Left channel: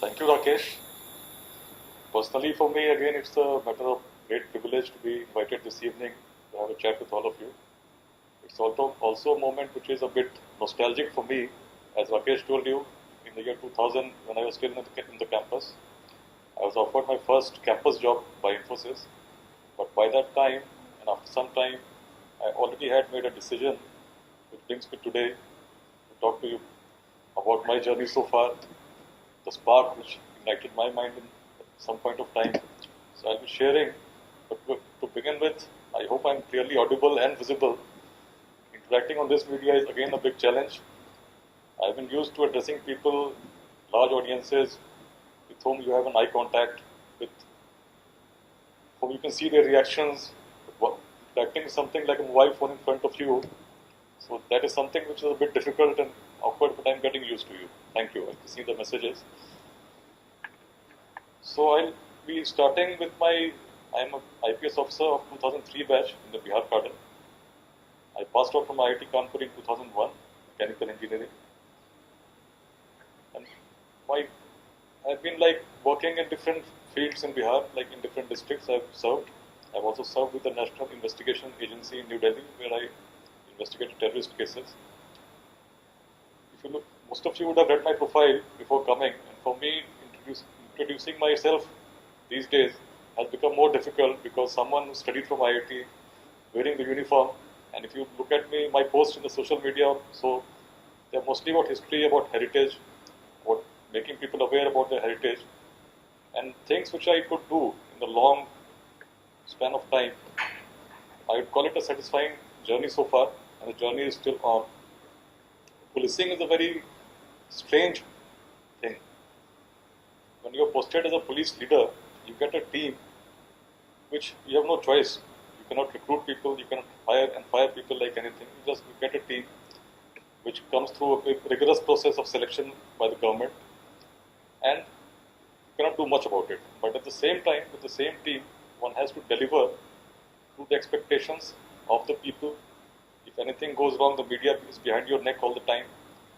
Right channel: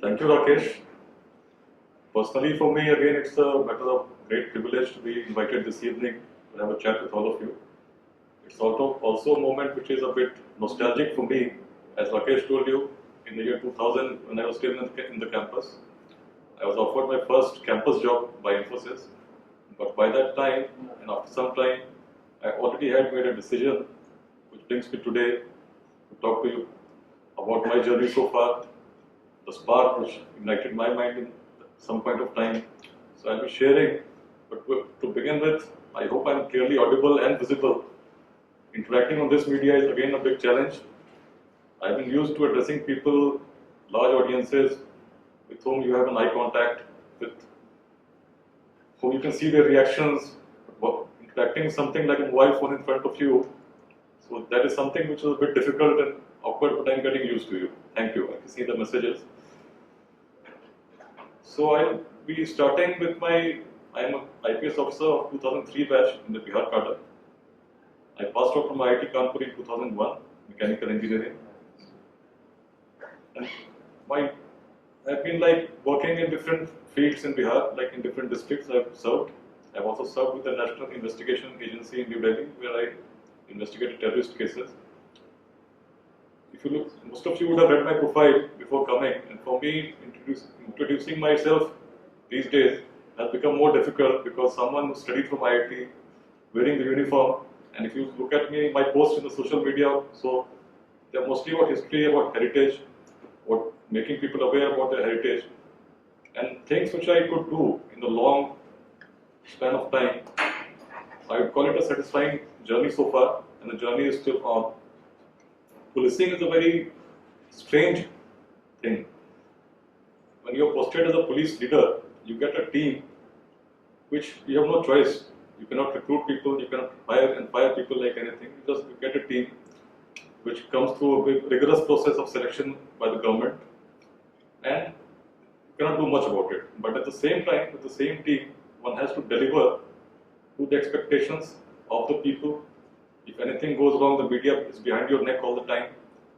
Thank you, Rakesh. Personally, for me, again, it's a matter of great privilege to be invited this evening to have a chat with all of you. It's also a moment which is a bit nostalgic for me. As Rakesh told you, in the year 2000, when I was still in the campus, I was offered my first campus job by Infosys. But by that time, and after some time, I already had made a decision which brings me today to talk to you about my journey so far, the spark which ignited my mind in some point of time. So I'll be sharing, but to begin with, I hope I'm clearly audible and visible. Interacting on this media is again a big challenge. I've been used to addressing people, large audiences, with whom you have an eye contact, with whom you can see their reactions, interacting something like a mobile phone in front of you. So that is something which is a bit difficult and awkward, but I'm getting used to you. Thank you. I can see the messages. So I'll be starting with I'm an IPS officer of 2003 batch in the Bihar cadre. I passed out from IIT Kanpur in 2001, mechanical engineering. And my, I've been like working in different fields in Bihar, like in different districts I've served. I've also served with the National Investigation Agency in New Delhi, where I investigated terrorist cases. If you look, most of you would have read my profile before coming, and for me, introducing myself these days has become more difficult because someone who studied from IIT, wearing the uniform, and if you look at me, my posts in the social media, so they're mostly about history, about heritage, about making people aware about their heritage, and things which I could do in a long span of time. I would call it a satisfying journey so far, and the journey is still on. Policing is a very strange thing. When you're posted as a police leader, you get a team which you have no choice. You cannot recruit people, you cannot hire and fire people like anything. You get a team which comes through a rigorous process of selection by the government, and you cannot do much about it. But at the same time, with the same team, one has to deliver to the expectations of the people. If anything goes wrong, the media is behind your neck all the time.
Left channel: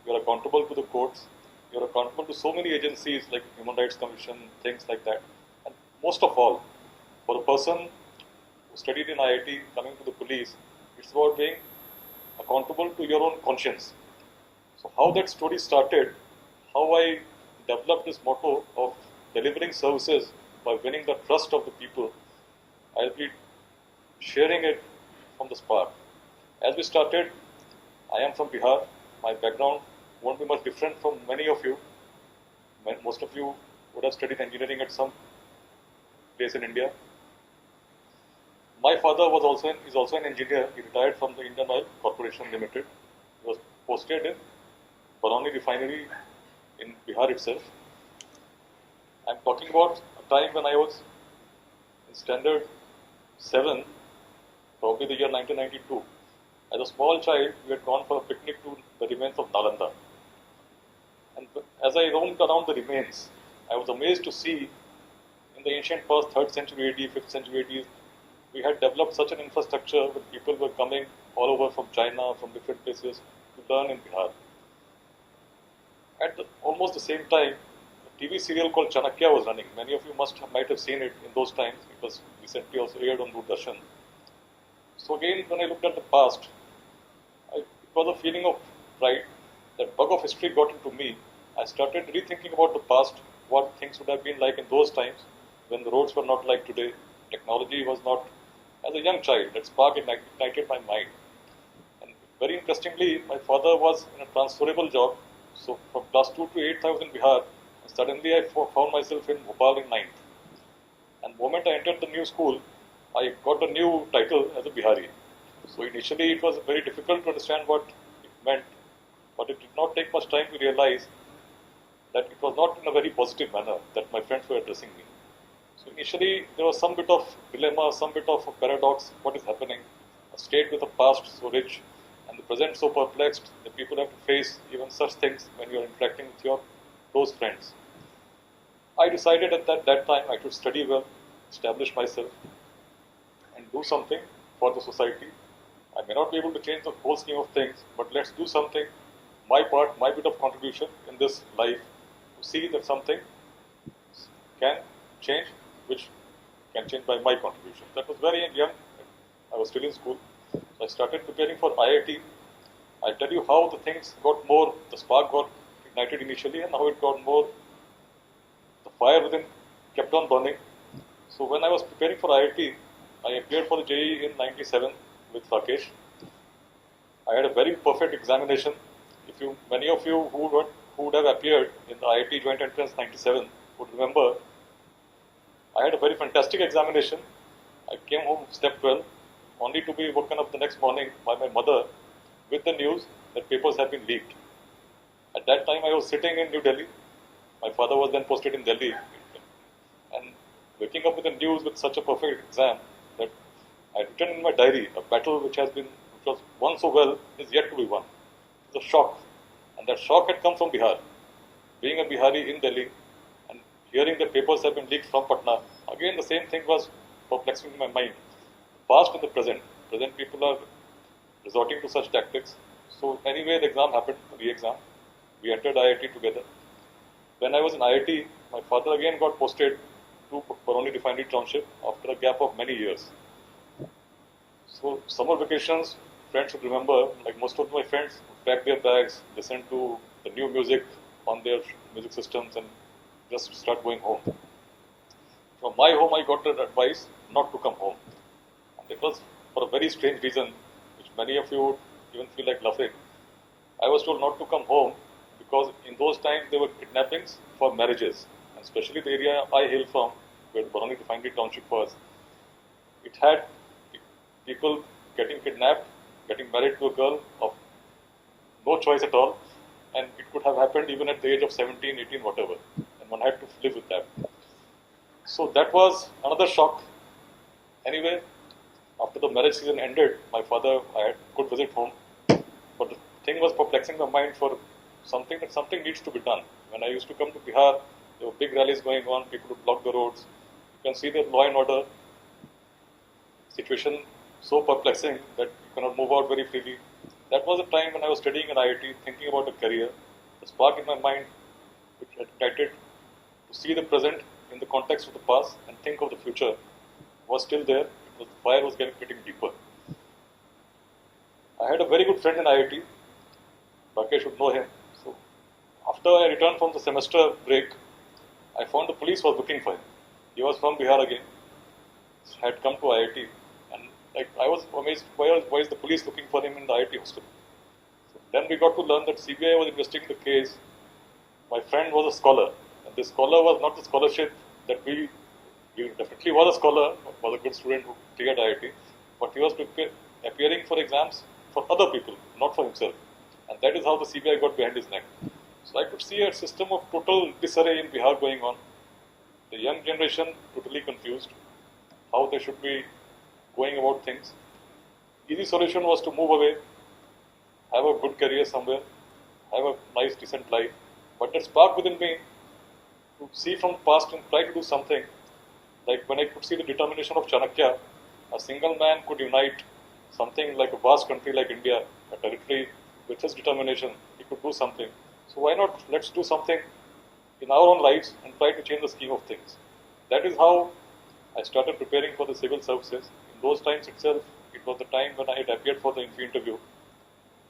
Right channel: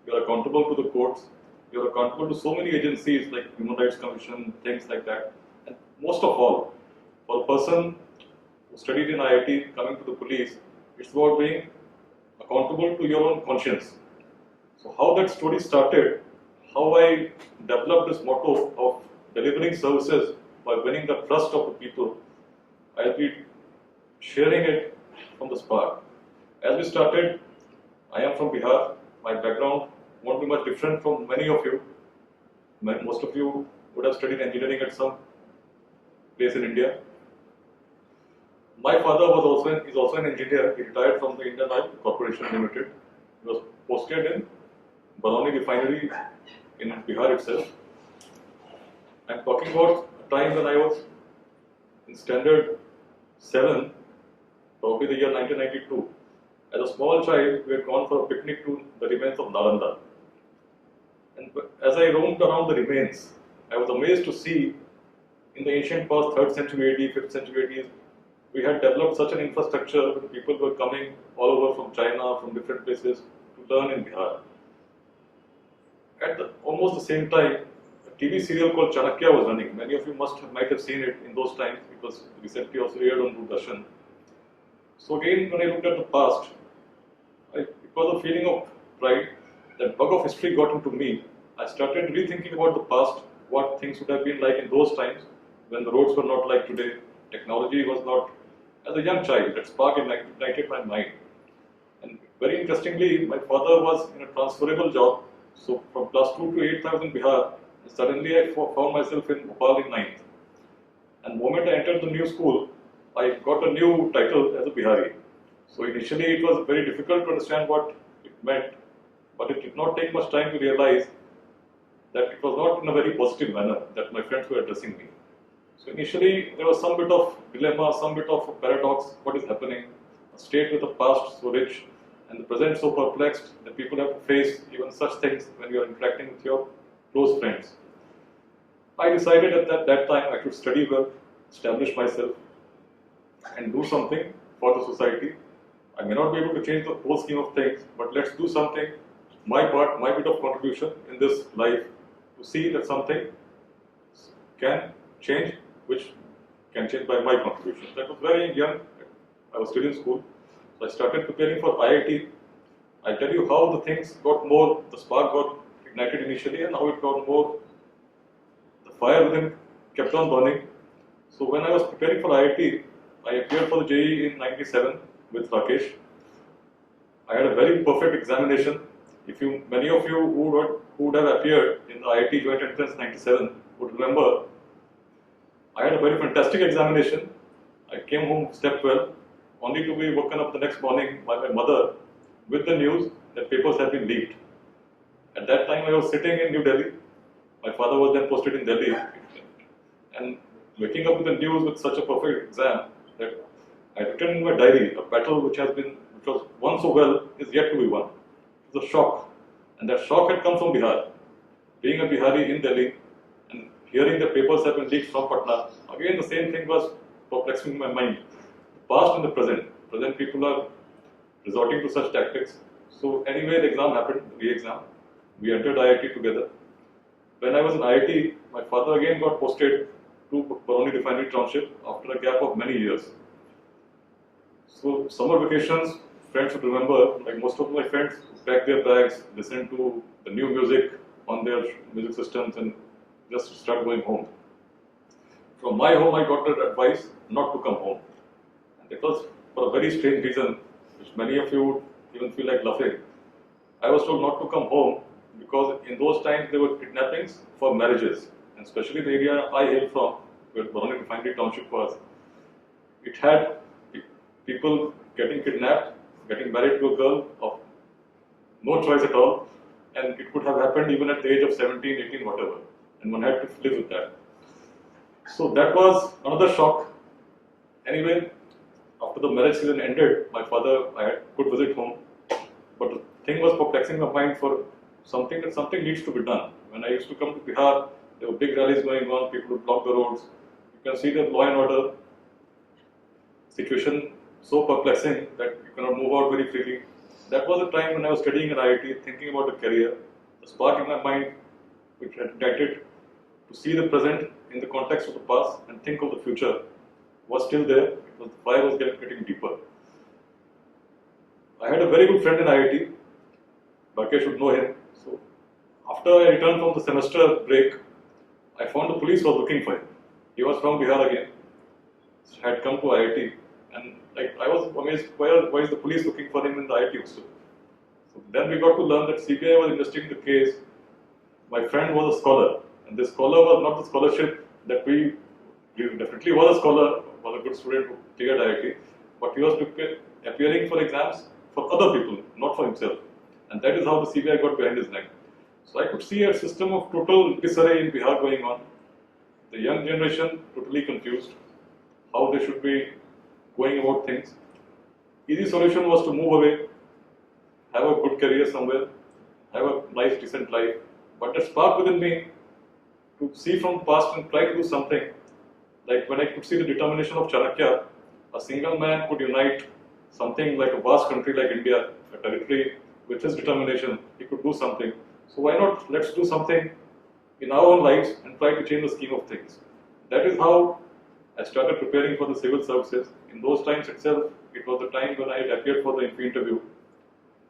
You're accountable to the courts. You're accountable to so many agencies like Human Rights Commission, things like that. And most of all, for a person who studied in IIT coming to the police, it's about being accountable to your own conscience. So how that story started, how I developed this motto of delivering services by winning the trust of the people, I'll be sharing it from the spark. As we started, I am from Bihar. My background won't be much different from many of you. Most of you would have studied engineering at some place in India. My father is also an engineer. He retired from the Indian Oil Corporation Limited. He was posted in Barauni refinery in Bihar itself. I'm talking about a time when I was in standard 7, probably the year 1992. As a small child, we had gone for a picnic to the remains of Nalanda. And as I roamed around the remains, I was amazed to see in the ancient past, 3rd century AD, 5th century AD, we had developed such an infrastructure that people were coming all over from China, from different places to learn in Bihar. At almost the same time, a TV serial called Chanakya was running. Many of you might have seen it in those times. It was recently also aired on Doordarshan. So again, when I looked at the past, it was a feeling of pride. That bug of history got into me. I started rethinking about the past, what things would have been like in those times when the roads were not like today. Technology was not. As a young child, that spark ignited my mind. And very interestingly, my father was in a transferable job. So from class 2 to 8th, I was in Bihar. And suddenly, I found myself in Bhopal in 9th. And the moment I entered the new school, I got a new title as a Bihari. So initially, it was very difficult to understand what it meant, but it did not take much time to realize that it was not in a very positive manner that my friends were addressing me. So initially, there was some bit of dilemma, some bit of paradox. What is happening? A state with a past so rich and the present so perplexed that people have to face even such things when you are interacting with your close friends. I decided at that time I should study well, establish myself, and do something for the society. I may not be able to change the whole scheme of things, but let's do something, my part, my bit of contribution in this life to see that something can change, which can change by my contribution. That was very young. I was still in school. So I started preparing for IIT. I'll tell you how the things got more, the spark got ignited initially and how it got more, the fire within kept on burning. So when I was preparing for IIT, I appeared for the JEE in 97 with Rakesh. I had a very perfect examination. If you, many of you who would have appeared in the IIT Joint Entrance 97 would remember, I had a very fantastic examination. I came home step 12, only to be woken up the next morning by my mother with the news that papers had been leaked. At that time, I was sitting in New Delhi. My father was then posted in Delhi. And waking up with the news with such a perfect exam that I had written in my diary, a battle which was won so well is yet to be won. It was a shock. And that shock had come from Bihar. Being a Bihari in Delhi and hearing that papers have been leaked from Patna, again the same thing was perplexing my mind. The past and the present. Present people are resorting to such tactics. So anyway, the exam happened, the re-exam. We entered IIT together. When I was in IIT, my father again got posted to Barauni Refinery Township after a gap of many years. So summer vacations, friends would remember, like most of my friends would pack their bags, listen to the new music on their music systems and just start going home. From my home, I got that advice not to come home. And it was for a very strange reason, which many of you would even feel like laughing. I was told not to come home because in those times there were kidnappings for marriages, and especially the area I hail from, where Barauni Refinery Township was, it had people getting kidnapped, getting married to a girl of no choice at all, and it could have happened even at the age of 17, 18, whatever, and one had to live with that. So that was another shock. Anyway, after the marriage season ended, my father, I could visit home, but the thing was perplexing my mind for something needs to be done. When I used to come to Bihar, there were big rallies going on, people would block the roads. You can see the law and order situation so perplexing that you cannot move out very freely. That was a time when I was studying in IIT, thinking about a career. The spark in my mind, which had ignited to see the present in the context of the past and think of the future, was still there. The fire was getting deeper. I had a very good friend in IIT. Rakesh would know him. So after I returned from the semester break, I found the police was looking for him. He was from Bihar again, had come to IIT, and like I was amazed, why is the police looking for him in the IIT hostel? So then we got to learn that CBI was investigating the case. My friend was a scholar, and this scholar was not the scholarship that he definitely was a scholar, was a good student who cleared IIT, but he was appearing for exams for other people, not for himself. And that is how the CBI got behind his neck. So I could see a system of total disarray in Bihar going on. The young generation totally confused how they should be going about things. Easy solution was to move away, have a good career somewhere, have a nice decent life. But that spark within me to see from the past and try to do something, like when I could see the determination of Chanakya, a single man could unite something like a vast country like India, a territory, with his determination, he could do something. So why not let's do something in our own lives and try to change the scheme of things. That is how I started preparing for the civil services. In those times itself, it was the time when I had appeared for the INFI interview.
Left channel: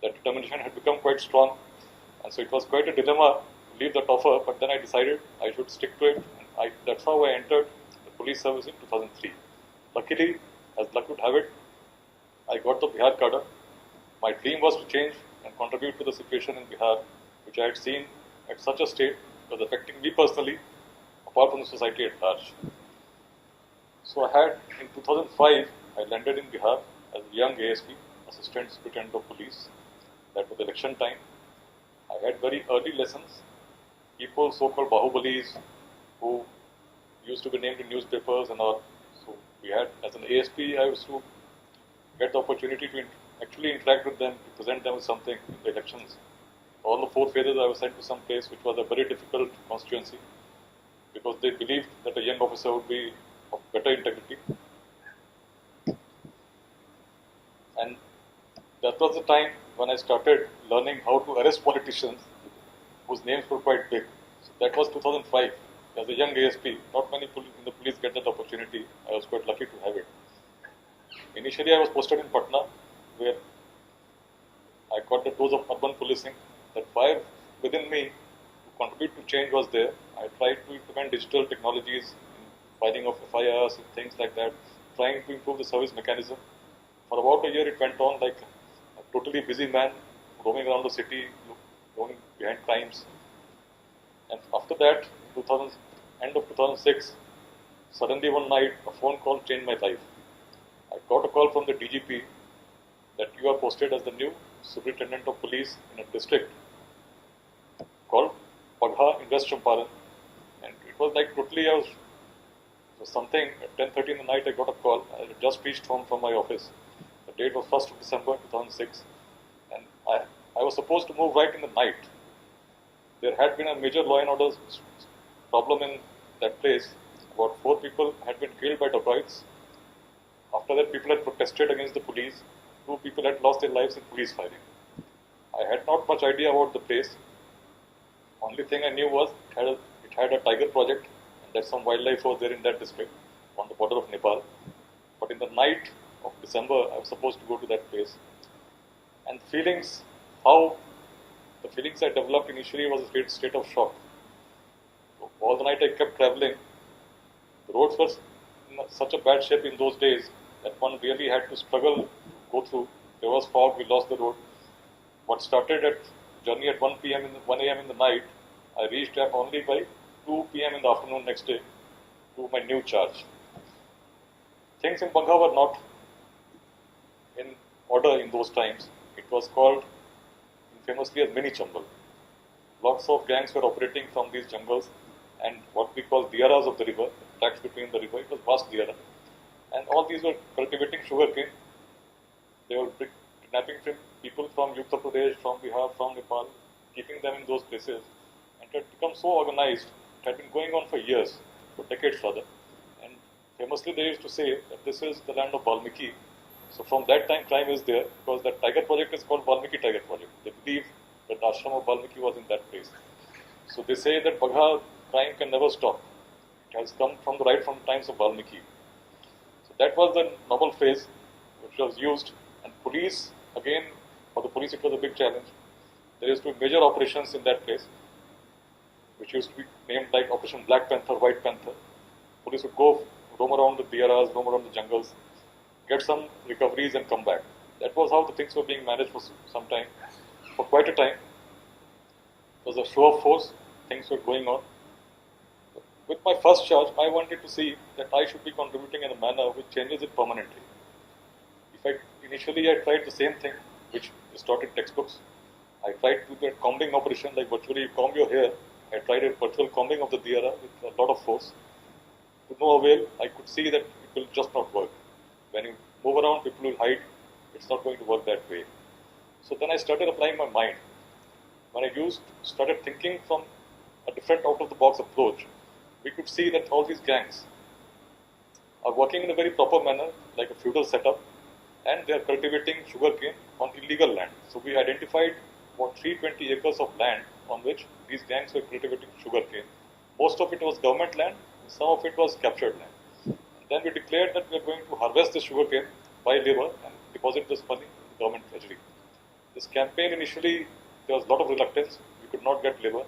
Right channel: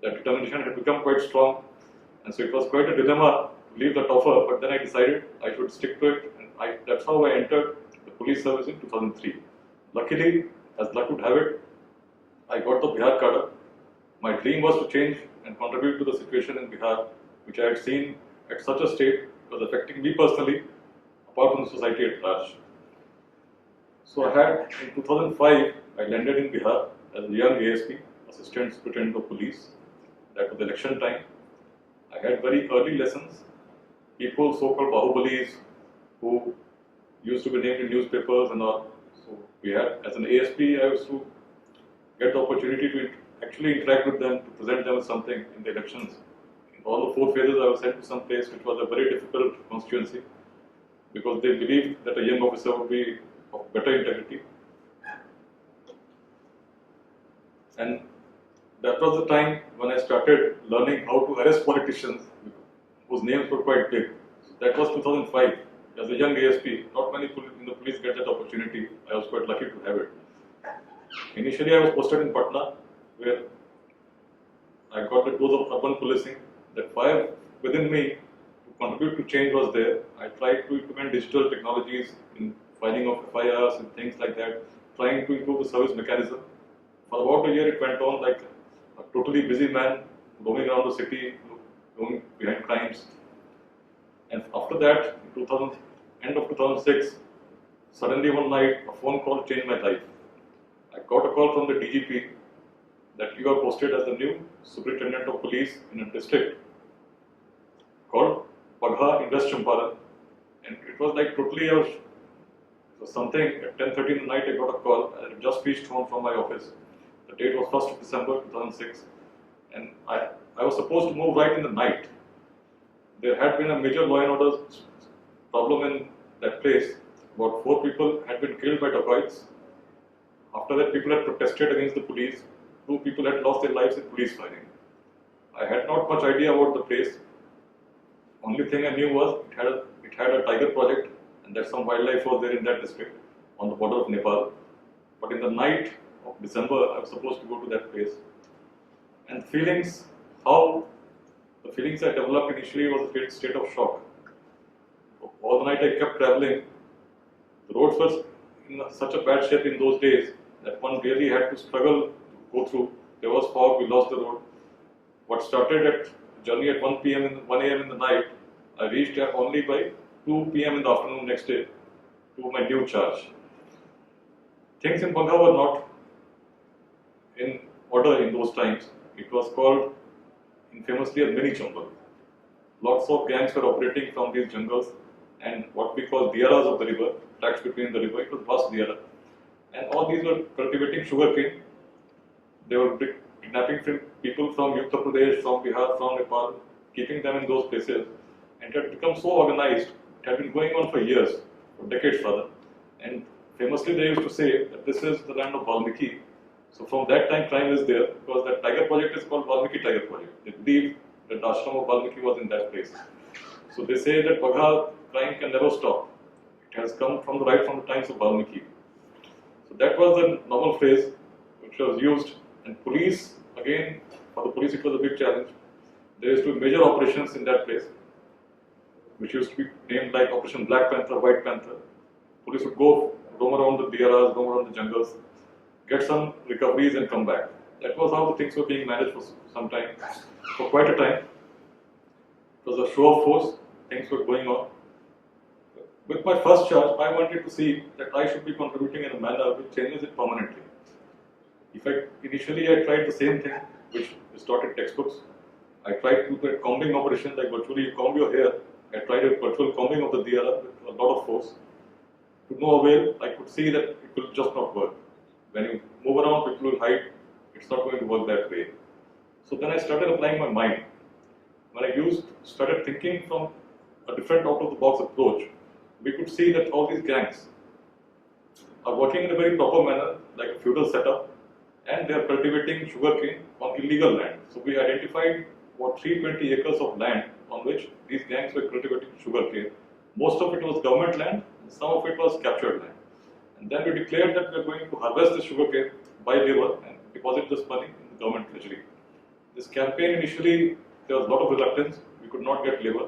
That determination had become quite strong, and so it was quite a dilemma to leave that offer, but then I decided I should stick to it, and that's how I entered the police service in 2003. Luckily, as luck would have it, I got the Bihar cadre. My dream was to change and contribute to the situation in Bihar, which I had seen at such a state was affecting me personally, apart from the society at large. So I had, in 2005, I landed in Bihar as a young ASP, Assistant Superintendent of Police. That was election time. I had very early lessons. People, so-called Bahubalis, who used to be named in newspapers and all. So we had, as an ASP, I used to get the opportunity to actually interact with them, to present them with something in the elections. In all the 4 phases, I was sent to some place which was a very difficult constituency because they believed that a young officer would be of better integrity. And that was the time when I started learning how to arrest politicians whose names were quite big. So That was 2005. As a young ASP, not many in the police get that opportunity. I was quite lucky to have it. Initially, I was posted in Patna, where I got the dose of urban policing. That fire within me to contribute to change was there. I tried to implement digital technologies in filing of FIRs and things like that, trying to improve the service mechanism. For about a year, it went on like a totally busy man, roaming around the city, going behind crimes. And after that, in 2000, end of 2006, suddenly one night, a phone call changed my life. I got a call from the DGP that you are posted as the new superintendent of police in a district called Pagha in West Champaran. And it was like totally, something at 10:30 in the night, I got a call. I had just reached home from my office. The date was 1st of December 2006. And I was supposed to move right in the night. There had been a major law and order problem in that place. About 4 people had been killed by dacoits. After that, people had protested against the police. 2 people had lost their lives in police firing. I had not much idea about the place. Only thing I knew was it had a tiger project, and that some wildlife was there in that district on the border of Nepal. But in the night of December, I was supposed to go to that place. And the feelings I developed initially was a great state of shock. So all the night I kept traveling. The roads were in such a bad shape in those days that one really had to struggle to go through. There was fog, we lost the road. What started at journey at 1 a.m. in the night, I reached there only by 2 p.m. in the afternoon next day to my new charge. Things in Pagha were not in order in those times. It was called infamously as mini jungle. Lots of gangs were operating from these jungles and what we call diaras of the river, tracks between the river. It was vast diara. And all these were cultivating sugarcane. They were kidnapping people from Uttar Pradesh, from Bihar, from Nepal, keeping them in those places. And it had become so organized. It had been going on for years, for decades rather. And famously they used to say that this is the land of Valmiki. So from that time, crime is there because that tiger project is called Valmiki Tiger Project. They believe that the ashram of Valmiki was in that place. So they say that Pagha crime can never stop. It has come from the times of Valmiki. So that was the normal phrase which was used. And police, again, for the police it was a big challenge. There used to be major operations in that place, which used to be named like Operation Black Panther, White Panther. Police would go roam around the diaras, roam around the jungles, get some recoveries and come back. That was how the things were being managed for some time, for quite a time. It was a show of force, things were going on. With my first charge, I wanted to see that I should be contributing in a manner which changes it permanently. Initially I tried the same thing, which is taught in textbooks. I tried to do a combing operation, like virtually you comb your hair. I tried a virtual combing of the diara with a lot of force. To no avail, I could see that it will just not work. When you move around, people will hide. It's not going to work that way. So then I started applying my mind. When I started thinking from a different out-of-the-box approach, we could see that all these gangs are working in a very proper manner, like a feudal setup, and they are cultivating sugarcane on illegal land. So we identified about 320 acres of land on which these gangs were cultivating sugarcane. Most of it was government land, some of it was captured land. And then we declared that we are going to harvest the sugarcane by labor and deposit this money in the government treasury. This campaign initially, there was a lot of reluctance, we could not get labor,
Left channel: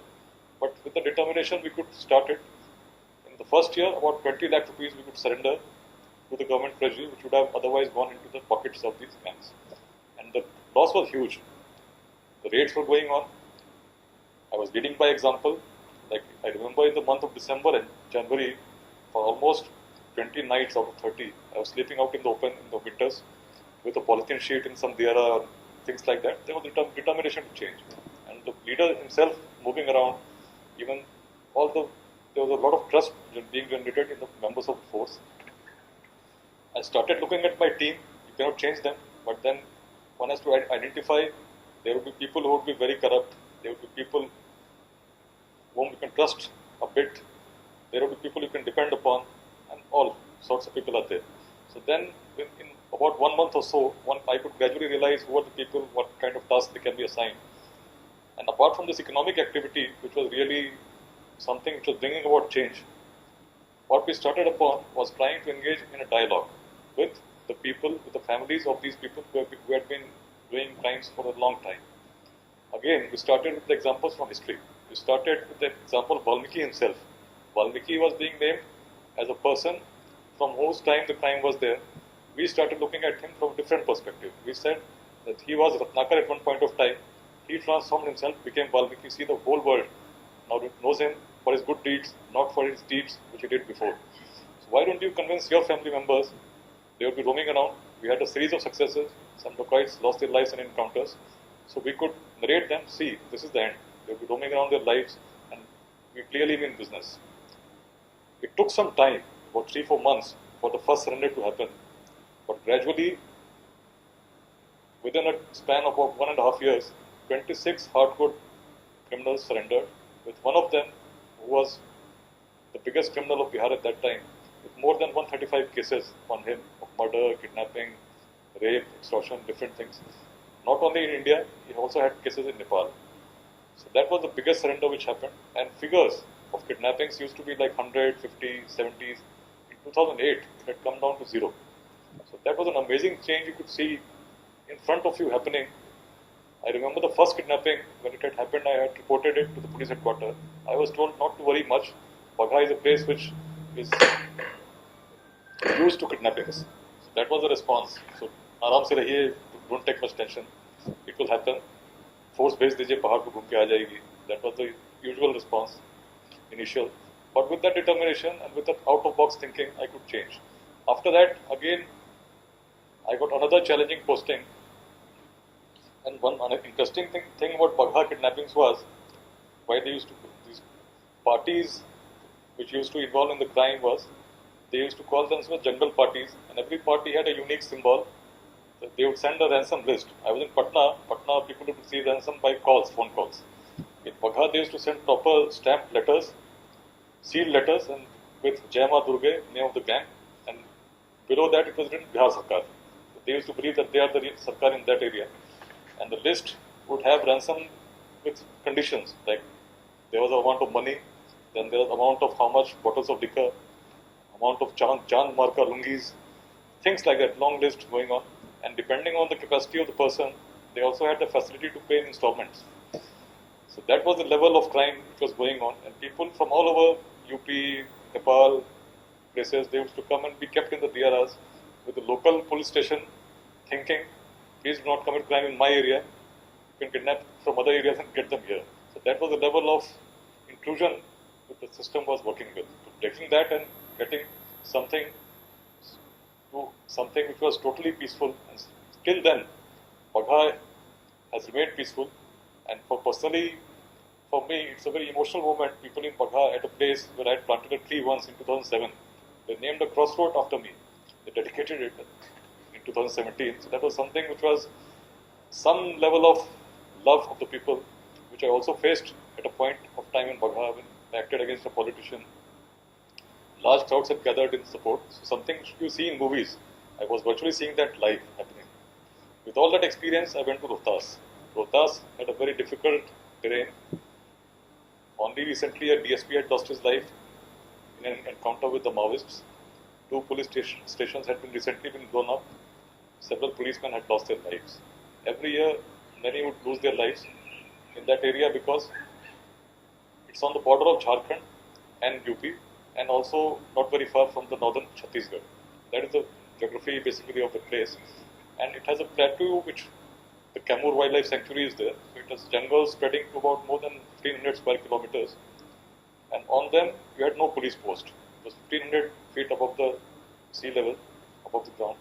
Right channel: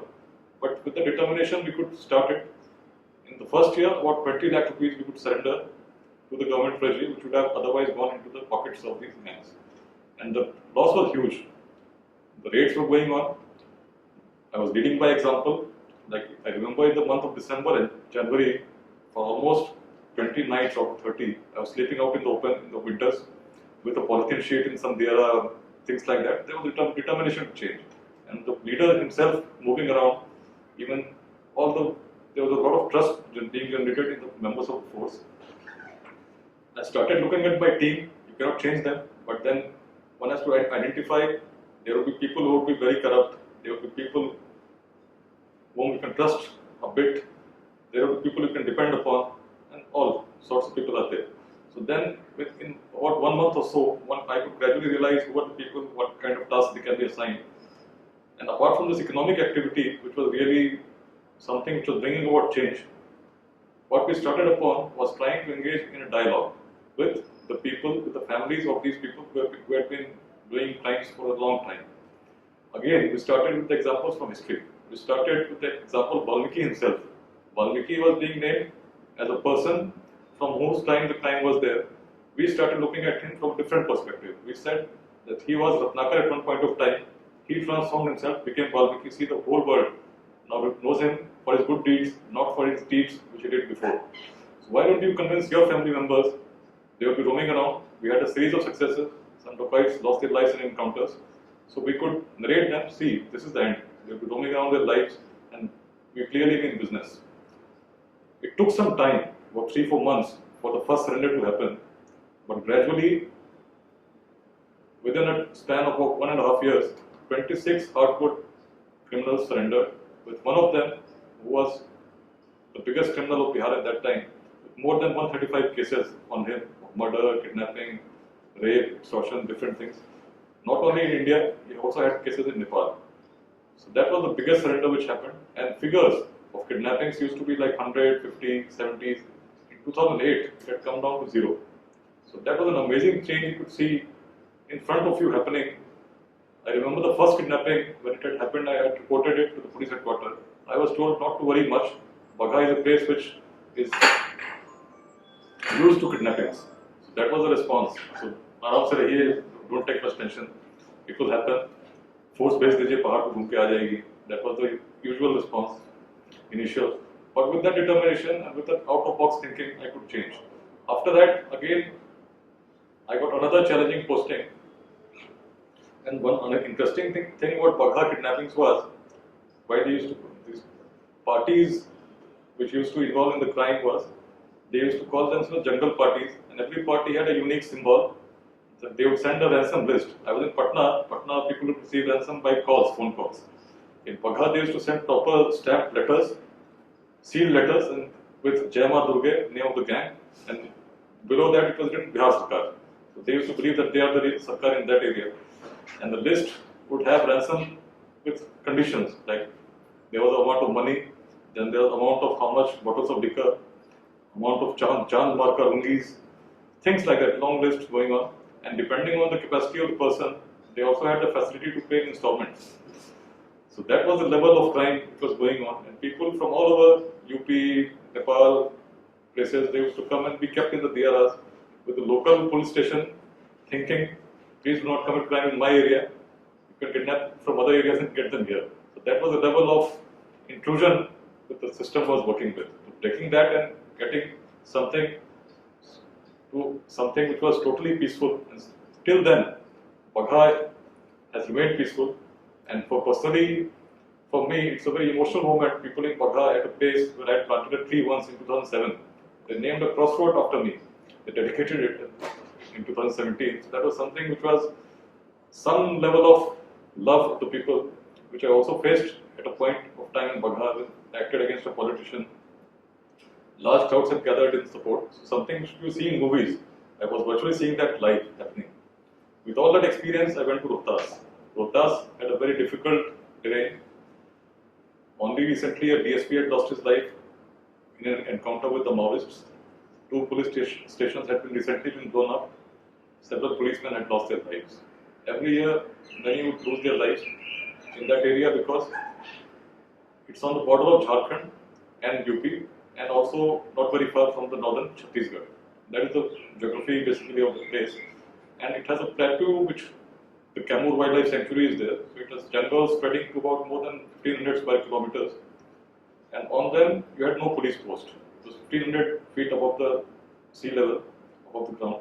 but with the determination we could start it. In the first year, about 20 lakh rupees we could surrender to the government treasury, which would have otherwise gone into the pockets of these gangs. And the loss was huge. The raids were going on. I was leading by example. Like I remember in the month of December and January, for almost 20 nights out of 30, I was sleeping out in the open in the winters with a polythene sheet in some diara, things like that. There was determination to change. And the leader himself moving around, even there was a lot of trust being generated in the members of the force. I started looking at my team. You cannot change them, but then one has to identify. There will be people who will be very corrupt. There will be people whom you can trust a bit. There will be people you can depend upon, and all sorts of people are there. So then, within about 1 month or so, I could gradually realize who are the people, what kind of tasks they can be assigned. And apart from this economic activity, which was really something which was bringing about change, what we started upon was trying to engage in a dialogue with the people, with the families of these people who had been doing crimes for a long time. Again, we started with the examples from history. We started with the example of Valmiki himself. Valmiki was being named as a person from whose time the crime was there. We started looking at him from a different perspective. We said that he was Ratnakar at one point of time. He transformed himself, became Valmiki. See, the whole world now knows him for his good deeds, not for his deeds which he did before. So why don't you convince your family members? They would be roaming around. We had a series of successes. Some dacoits lost their lives in encounters. So we could narrate them, see, this is the end. They'll be roaming around their lives and we clearly be in business. It took some time, about 3-4 months, for the first surrender to happen. But gradually, within a span of about 1.5 years, 26 hardcore criminals surrendered, with one of them who was the biggest criminal of Bihar at that time, with more than 135 cases on him of murder, kidnapping, rape, extortion, different things. Not only in India, he also had cases in Nepal. So that was the biggest surrender which happened. And figures of kidnappings used to be like 100, 50, 70s. In 2008, it had come down to 0. So that was an amazing change you could see in front of you happening. I remember the first kidnapping, when it had happened, I had reported it to the police headquarters. I was told not to worry much. Bagha is a place which is used to kidnappings. So that was the response. So, आराम से रहिए, don't take much tension. It will happen. Force भेज दीजिए, पहाड़ पे घूम के आ जाएगी. That was the usual response, initial. But with that determination and with that out-of-box thinking, I could change. After that, again, I got another challenging posting. And one interesting thing about Bagha kidnappings was, why they used to, these parties which used to involve in the crime was, they used to call themselves jungle parties, and every party had a unique symbol. That they would send a ransom list. I was in Patna. Patna people would receive ransom by calls, phone calls. In Bagha, they used to send proper stamped letters, sealed letters, and with Jai Ma Durge, name of the gang, and below that it was written Bihar Sarkar. So they used to believe that they are the Sarkar in that area. And the list would have ransom with conditions, like there was an amount of money, then there was amount of how much bottles of liquor, amount of chand marka lungis, things like that, long list going on. And depending on the capacity of the person, they also had the facility to pay installments. So that was the level of crime which was going on. And people from all over UP, Nepal, places, they used to come and be kept in the DRRs with the local police station thinking, please do not commit crime in my area. You can kidnap from other areas and get them here. So that was the level of intrusion that the system was working with. Breaking that and getting something to something which was totally peaceful. And till then, Bagha has remained peaceful. And personally, for me, it's a very emotional moment. People in Bagha at a place where I had planted a tree once in 2007. They named a crossroad after me. They dedicated it in 2017. So that was something which was some level of love of the people, which I also faced at a point of time in Bagha when I acted against a politician. Large crowds have gathered in support. So something which you see in movies, I was virtually seeing that live happening. With all that experience, I went to Rohtas. Rohtas had a very difficult terrain. Only recently, a DSP had lost his life in an encounter with the Maoists. 2 police stations had recently been blown up. Several policemen had lost their lives. Every year, many would lose their lives in that area because it's on the border of Jharkhand and UP, and also not very far from the northern Chhattisgarh. That is the geography basically of the place. And it has a plateau which the Kamur Wildlife Sanctuary is there. So it has jungles spreading to about more than 1500 square kilometers. And on them, you had no police post. It was 1500 feet above the sea level, above the ground.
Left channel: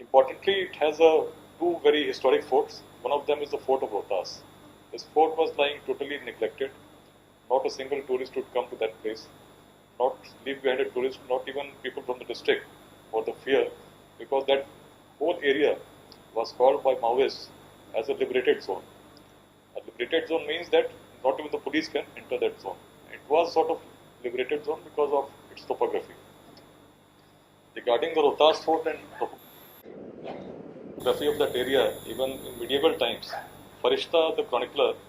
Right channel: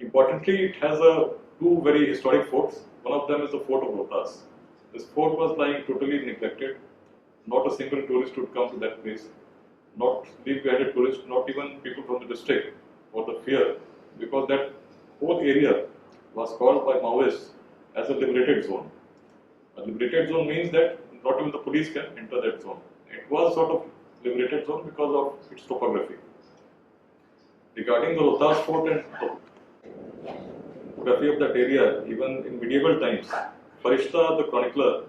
Importantly, it has 2 very historic forts. One of them is the fort of Rohtas. This fort was lying totally neglected. Not a single tourist would come to that place. Not leave behind a tourist, not even people from the district, for the fear, because that whole area was called by Maoists as a liberated zone. A liberated zone means that not even the police can enter that zone. It was sort of liberated zone because of its topography. Regarding the Rohtas fort and topography of that area, even in medieval times, Farishta, the chronicler,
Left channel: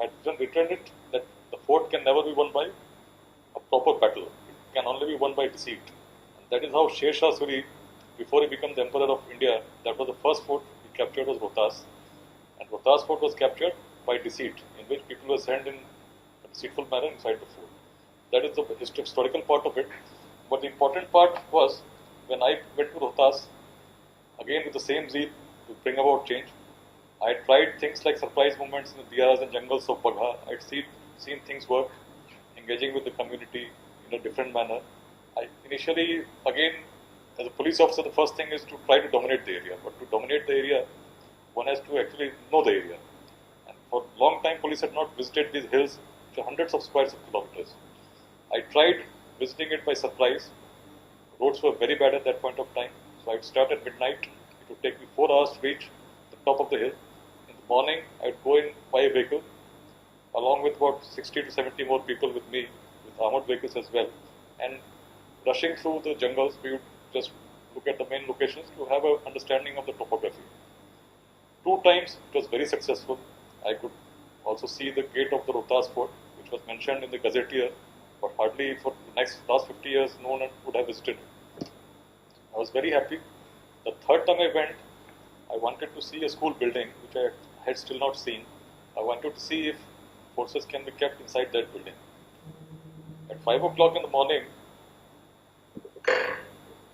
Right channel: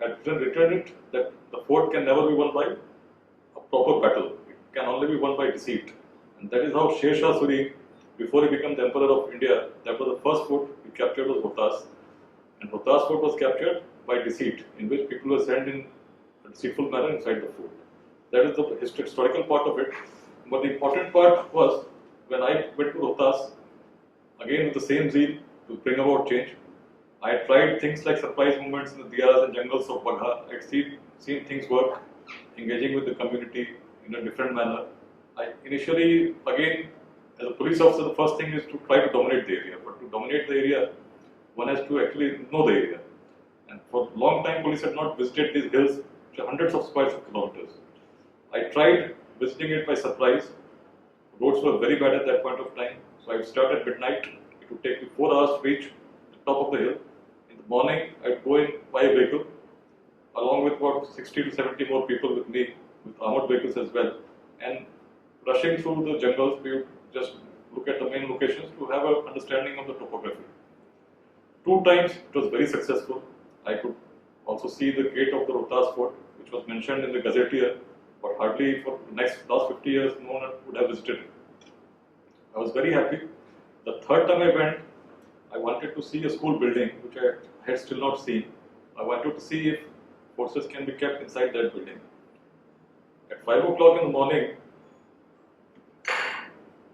had written it that the fort can never be won by a proper battle. It can only be won by deceit. And that is how Sher Shah Suri, before he became the emperor of India, that was the first fort he captured was Rohtas. And Rohtas fort was captured by deceit, in which people were sent in a deceitful manner inside the fort. That is the historical part of it. But the important part was when I went to Rohtas, again with the same zeal to bring about change. I had tried things like surprise movements in the diyas and jungles of Bagha. I had seen things work, engaging with the community in a different manner. I initially, again, as a police officer, the first thing is to try to dominate the area. But to dominate the area, one has to actually know the area. And for a long time, police had not visited these hills, which are hundreds of square kilometers. I tried visiting it by surprise. Roads were very bad at that point of time. So I would start at midnight. It would take me 4 hours to reach the top of the hill. In the morning, I would go in by a vehicle, along with about 60 to 70 more people with me, with armored vehicles as well. And rushing through the jungles, we would just look at the main locations to have an understanding of the topography. 2 times it was very successful. I could also see the gate of the Rohtas fort, which was mentioned in the Gazetteer, but hardly for the last 50 years, no one would have visited it. I was very happy. The third time I went, I wanted to see a school building, which I had still not seen. I wanted to see if forces can be kept inside that building. At 5 o'clock in the morning,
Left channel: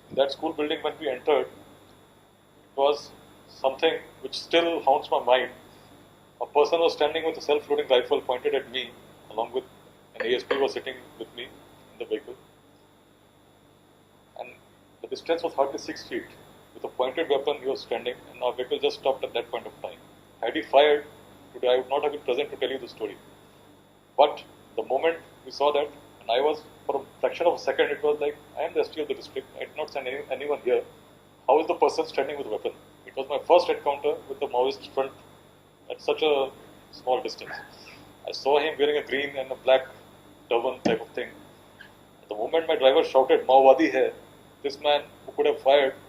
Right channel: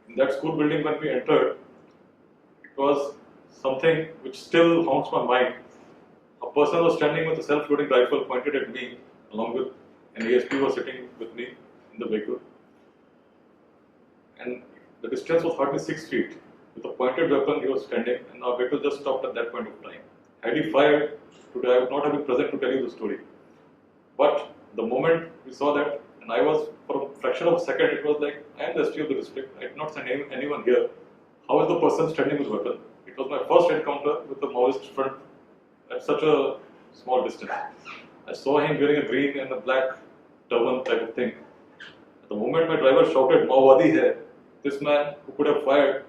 in that school building when we entered, it was something which still haunts my mind. A person was standing with a self-loading rifle pointed at me, along with an ASP was sitting with me in the vehicle. And the distance was hardly 6 feet. With a pointed weapon, he was standing, and our vehicle just stopped at that point of time. Had he fired, today I would not have been present to tell you the story. But the moment we saw that, and I was, for a fraction of a second, it was like, I am the ST of the district, I did not send anyone here. How is the person standing with a weapon? It was my first encounter with the Maoist front at such a small distance. I saw him wearing a green and a black turban type of thing. At the moment my driver shouted, Maowadi hai, this man who could have fired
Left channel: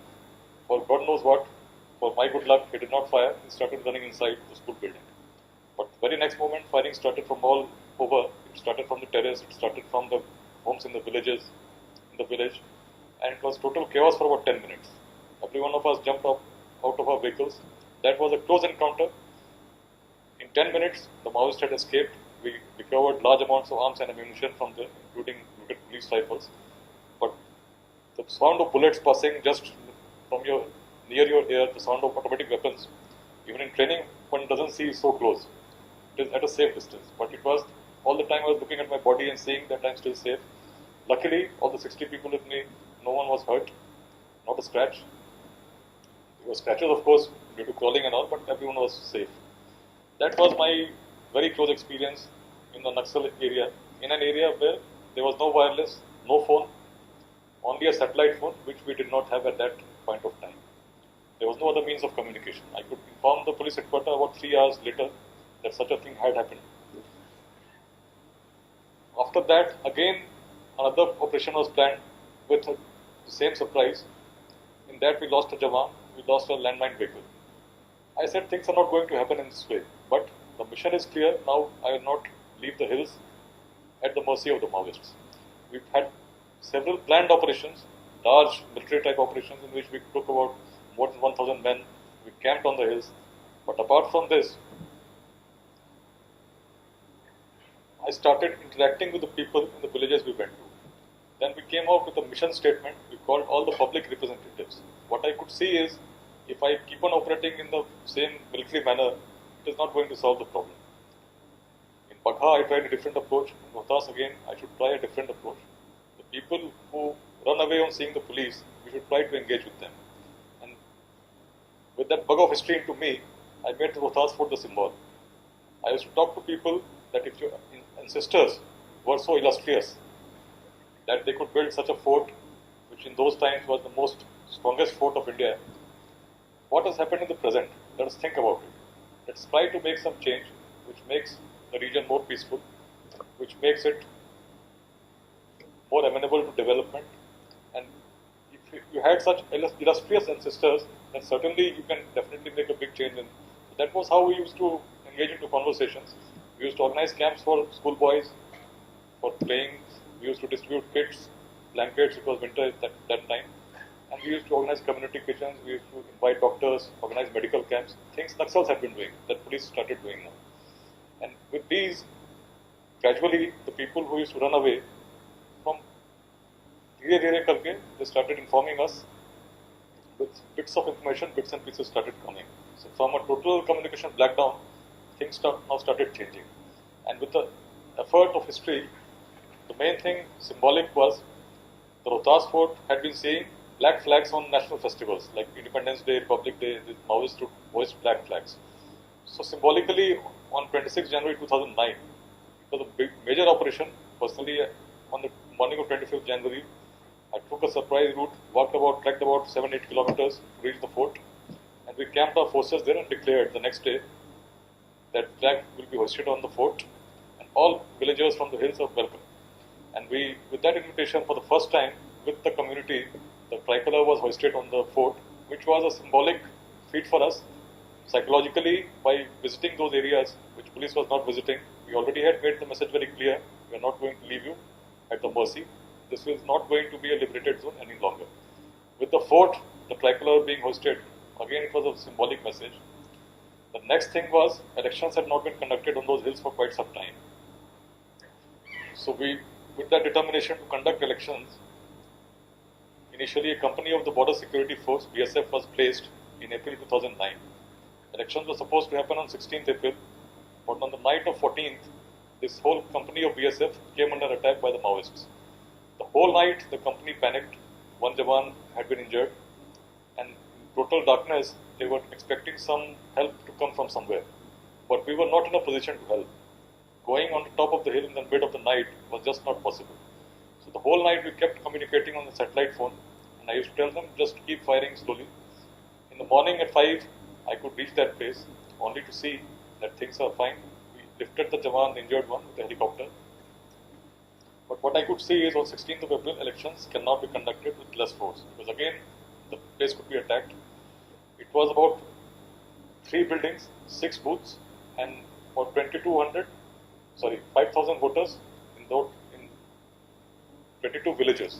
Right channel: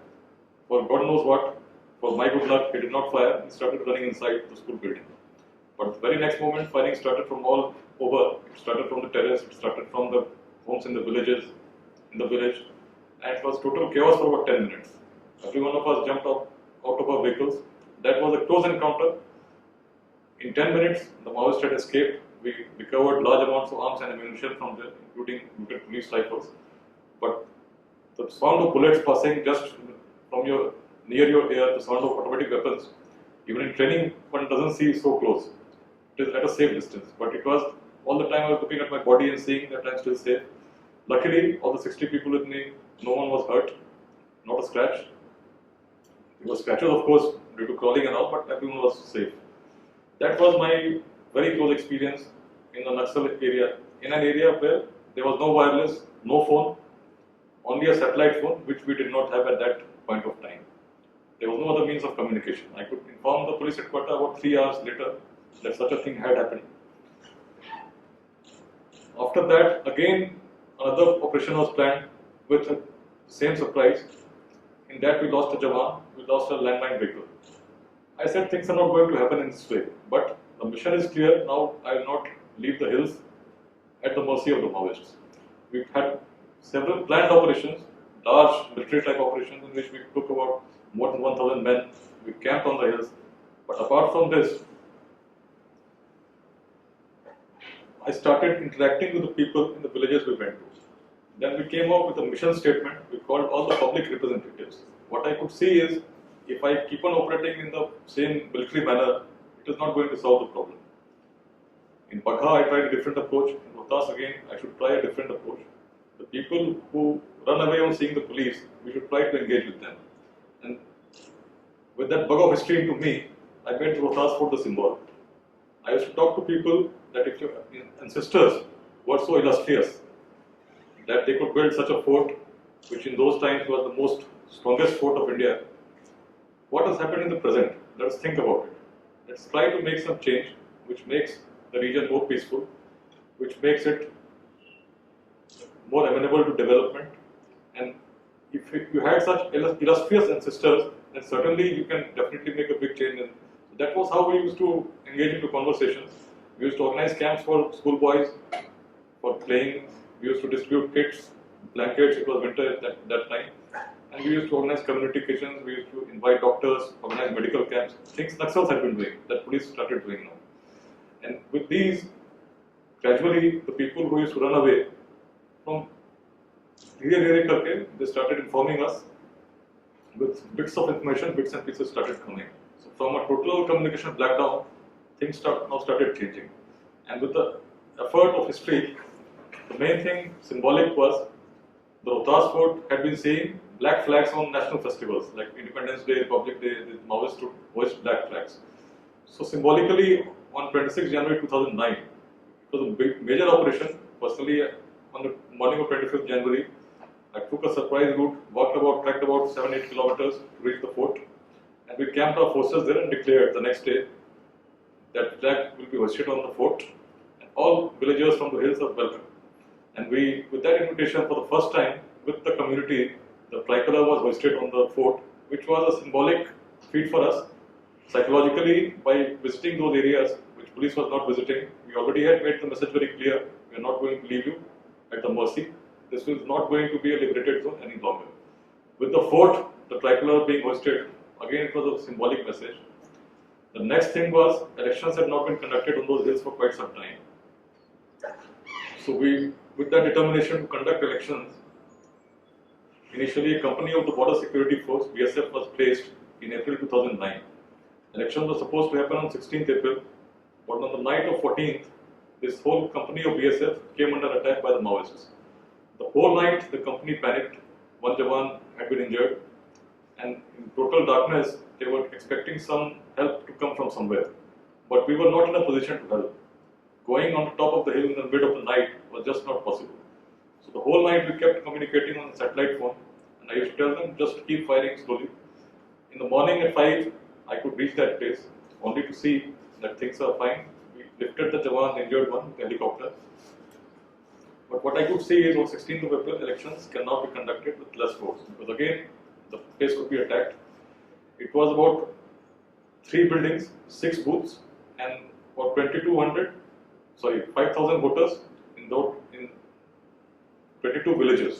for God knows what, for my good luck, he did not fire, he started running inside the school building. But the very next moment, firing started from all over. It started from the terrace, it started from the homes in the villages, in the village, and it was total chaos for about 10 minutes. Every one of us jumped up out of our vehicles. That was a close encounter. In 10 minutes, the Maoists had escaped. We recovered large amounts of arms and ammunition from there, including police rifles. But the sound of bullets passing just from near your ear, the sound of automatic weapons, even in training, one doesn't see so close. It is at a safe distance. But it was all the time I was looking at my body and seeing that I'm still safe. Luckily, all the 60 people with me, no one was hurt, not a scratch. There were scratches, of course, due to crawling and all, but everyone was safe. That was my very close experience in the Naxal area, in an area where there was no wireless, no phone, only a satellite phone, which we did not have at that point of time. There was no other means of communication. I could inform the police headquarters about 3 hours later that such a thing had happened. After that, again, another operation was planned with the same surprise. In that, we lost a Jawan, we lost a landmine vehicle. I said things are not going to happen in this way, but the mission is clear. Now I will not leave the hills at the mercy of the Maoists. We've had several planned operations, large military type operations in which we took about more than 1,000 men. We camped on the hills. But apart from this, I started interacting with the people in the villages we went to. Then we came up with a mission statement. We called all the public representatives. What I could see is, if I keep on operating in the same military manner, it is not going to solve the problem. In Bagha, I tried a different approach. In Rohtas, again, I should try a different approach. The people who run away on seeing the police, we should try to engage with them. And with that bug of history into me, I went to Rohtas for the symbol. I used to talk to people that if your ancestors were so illustrious that they could build such a fort, which in those times was the most strongest fort of India, what has happened in the present? Let us think about it. Let's try to make some change which makes the region more peaceful, which makes it more amenable to development. And if you had such illustrious ancestors, then certainly you can definitely make a big change. And that was how we used to engage into conversations. We used to organize camps for school boys for playing. We used to distribute kits, blankets. It was winter at that time. And we used to organize community kitchens. We used to invite doctors, organize medical camps. Things Naxals had been doing, that police started doing now. And with these, gradually, the people who used to run away from धीरे करके they started informing us with bits of information, bits and pieces started coming. So from a total communication blackdown, things now started changing. And with the effort of history, the main thing symbolic was the Rohtas Fort had been seeing black flags on national festivals like Independence Day, Republic Day. The Maoists would hoist black flags. So symbolically, on 26 January 2009, it was a big, major operation. Personally, on the morning of 25th January, I took a surprise route, trekked about 7-8 kilometers to reach the fort, and we camped our forces there and declared the next day that flag will be hoisted on the fort, and all villagers from the hills are welcome. And we, with that invitation, for the first time, with the community, the tricolor was hoisted on the fort, which was a symbolic feat for us. Psychologically, by visiting those areas which police was not visiting, we already had made the message very clear: we are not going to leave you at the mercy. This is not going to be a liberated zone any longer. With the fort, the tricolor being hoisted, again it was a symbolic message. The next thing was, elections had not been conducted on those hills for quite some time. So we, with that determination to conduct elections, initially a company of the Border Security Force, BSF, was placed in April 2009. Elections were supposed to happen on 16th April, but on the night of 14th, this whole company of BSF came under attack by the Maoists. The whole night, the company panicked. One Jawan had been injured, and in total darkness, they were expecting some help to come from somewhere. But we were not in a position to help. Going on the top of the hill in the mid of the night was just not possible. So the whole night we kept communicating on the satellite phone, and I used to tell them just to keep firing slowly. In the morning at 5, I could reach that place, only to see that things are fine. We lifted the Jawan, the injured one, with the helicopter. But what I could see is on 16th of April, elections cannot be conducted with less force, because again, the place could be attacked. It was about 3 buildings, 6 booths, and for 5,000 voters in 22 villages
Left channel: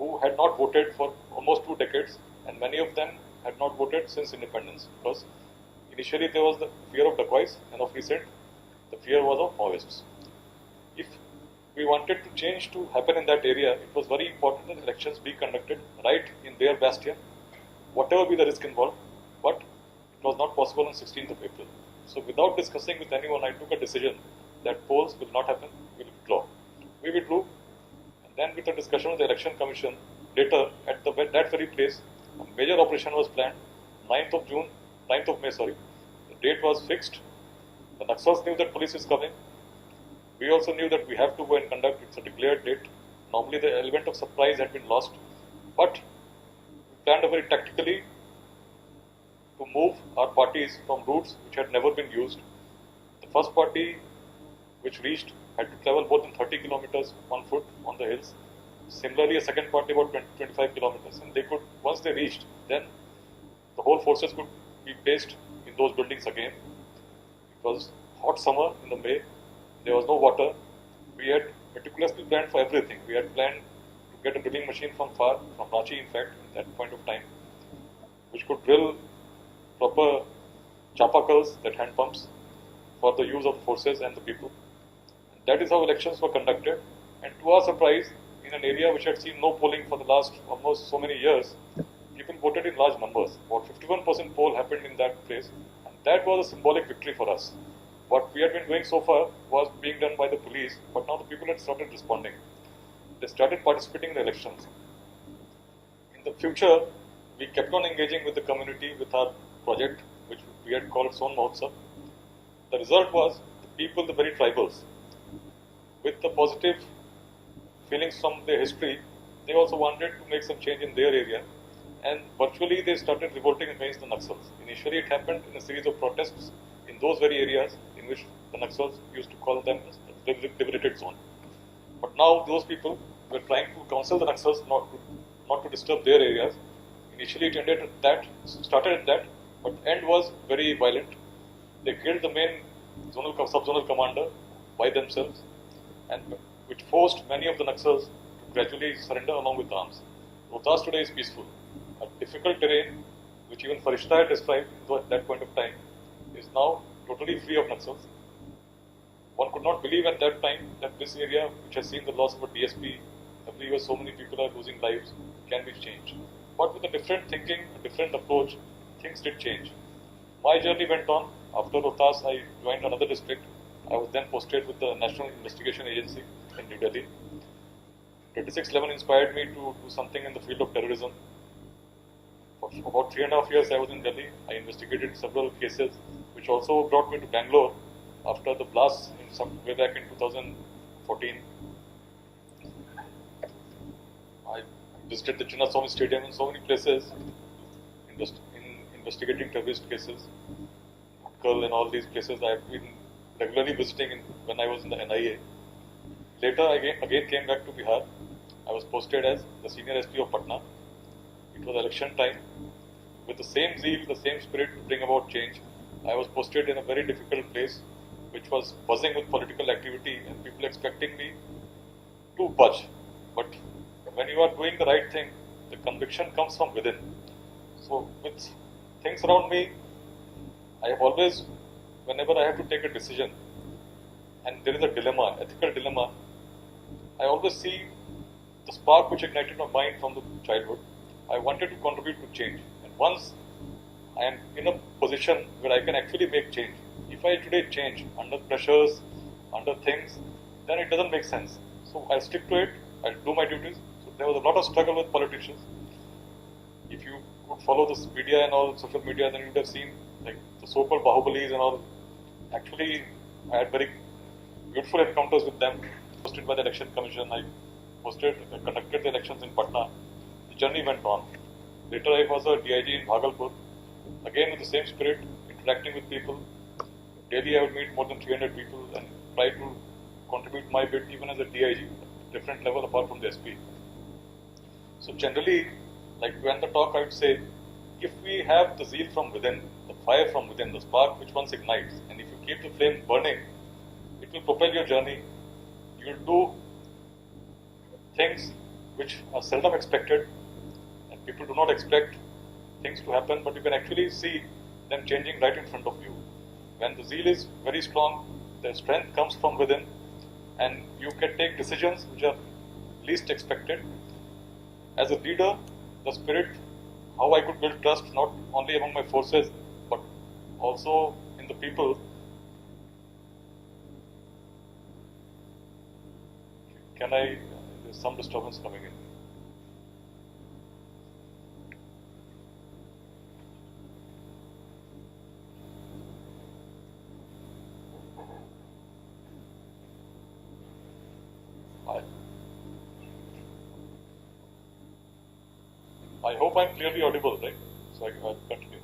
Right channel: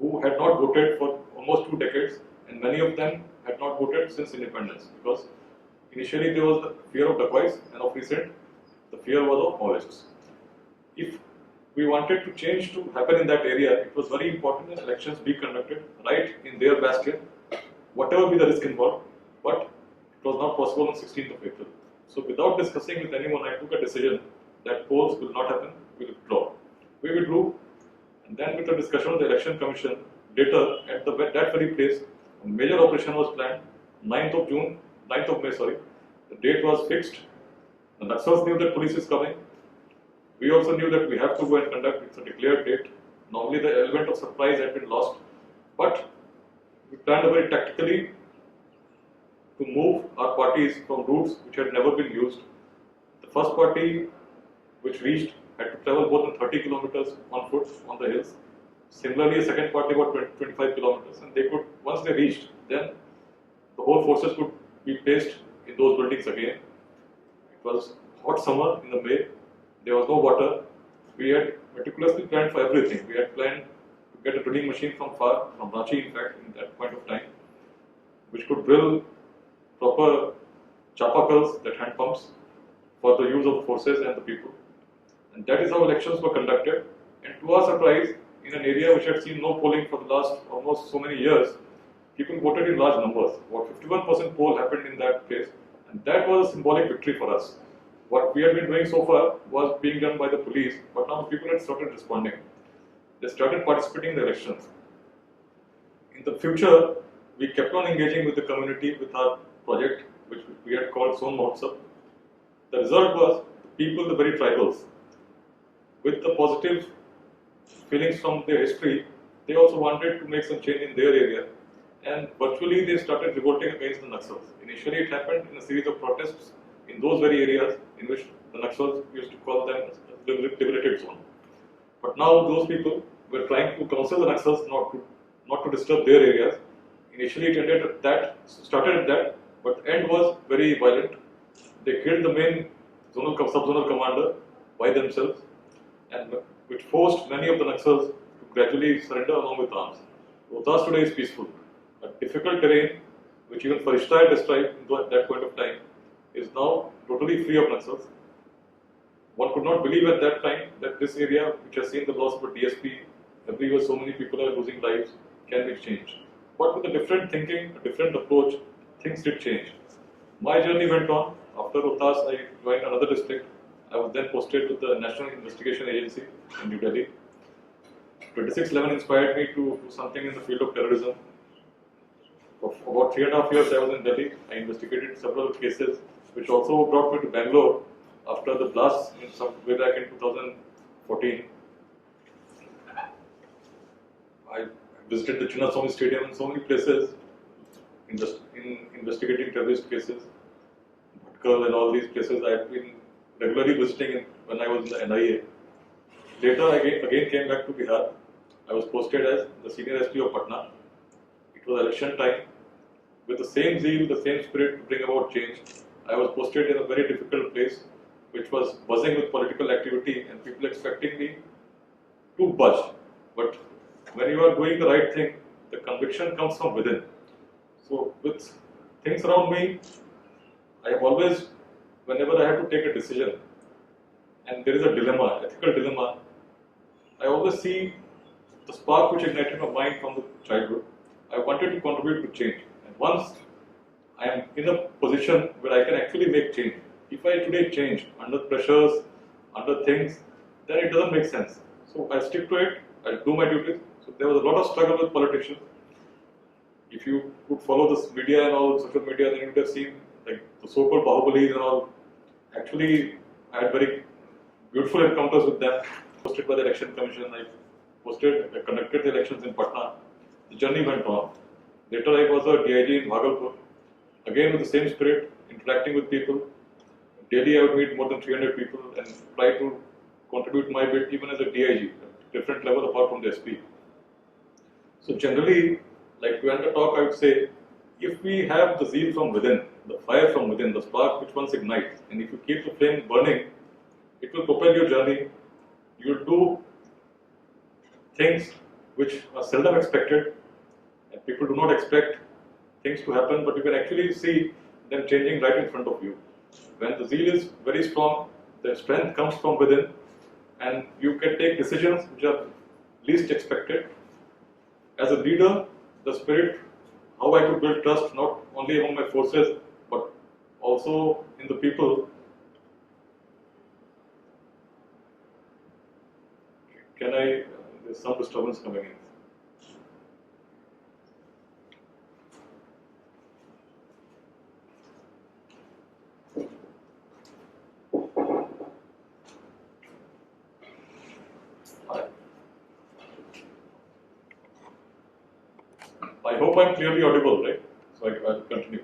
who had not voted for almost 2 decades, and many of them had not voted since independence, because initially there was the fear of dacoits, and of recent, the fear was of Maoists. If we wanted to change to happen in that area, it was very important that elections be conducted right in their bastion, whatever be the risk involved, but it was not possible on 16th of April. So without discussing with anyone, I took a decision that polls will not happen, we will withdraw. We withdrew, and then with the discussion of the Election Commission, later at that very place, a major operation was planned, 9th of May, the date was fixed. The Naxals knew that police is coming. We also knew that we have to go and conduct, it's a declared date. Normally the element of surprise had been lost, but we planned very tactically to move our parties from routes which had never been used. The first party which reached had to travel more than 30 kilometers on foot on the hills. Similarly, a second party about 25 kilometers, and they could, once they reached, then the whole forces could be placed in those buildings again. It was hot summer in the May. There was no water. We had meticulously planned for everything. We had planned to get a drilling machine from Ranchi, in fact, in that point of time, which could drill proper chapakals, that hand pumps, for the use of forces and the people. And that is how elections were conducted. And to our surprise, in an area which had seen no polling for the last almost so many years, people voted in large numbers. About 51% poll happened in that place. And that was a symbolic victory for us. What we had been doing so far was being done by the police, but now the people had started responding. They started participating in the elections. In the future, we kept on engaging with the community with our project, which we had called Son Mahotsav. The result was the people, the very tribals, with the positive feelings from their history, they also wanted to make some change in their area, and virtually they started revolting against the Naxals. Initially it happened in a series of protests in those very areas in which the Naxals used to call them the liberated zone. But now those people were trying to counsel the Naxals not to disturb their areas. Initially it ended at that, started at that, but the end was very violent. They killed the main sub-zonal commander by themselves, and which forced many of the Naxals to gradually surrender along with arms. Rohtas today is peaceful. A difficult terrain, which even Farishta had described at that point of time, is now totally free of Naxals. One could not believe at that time that this area, which has seen the loss of a DSP, every year so many people are losing lives, can be changed. But with a different thinking, a different approach, things did change. My journey went on. After Rohtas, I joined another district. I was then posted with the National Investigation Agency in New Delhi. 2611 inspired me to do something in the field of terrorism. For about 3.5 years I was in Delhi. I investigated several cases, which also brought me to Bangalore after the blast in some way back in 2014. I visited the Chinnaswamy Stadium and so many places in investigating terrorist cases. Bhatkal and all these places I had been regularly visiting when I was in the NIA. Later, I again came back to Bihar. I was posted as the senior SP of Patna. It was election time. With the same zeal, the same spirit to bring about change, I was posted in a very difficult place, which was buzzing with political activity and people expecting me to budge. But when you are doing the right thing, the conviction comes from within. So with things around me, I have always, whenever I have to take a decision, and there is a dilemma, ethical dilemma, I always see the spark which ignited my mind from the childhood. I wanted to contribute to change. And once I am in a position where I can actually make change, if I today change under pressures, under things, then it doesn't make sense. So I stick to it, I do my duties. So there was a lot of struggle with politicians. If you could follow this media and all, social media, then you would have seen like the so-called Bahubalis and all. Actually, I had very beautiful encounters with them. Posted by the Election Commission, I conducted the elections in Patna. The journey went on. Later, I was a DIG in Bhagalpur. Again, with the same spirit, interacting with people. Daily, I would meet more than 300 people and try to contribute my bit even as a DIG, different level apart from the SP. So generally, like when the talk, I would say, if we have the zeal from within, the fire from within, the spark which once ignites, and if you keep the flame burning, it will propel your journey. You'll do things which are seldom expected, and people do not expect things to happen, but you can actually see them changing right in front of you. When the zeal is very strong, the strength comes from within, and you can take decisions which are least expected. As a leader, the spirit, how I could build trust not only among my forces, but also in the people. There's some disturbance coming in. I hope I'm clearly audible, right? So I'll continue.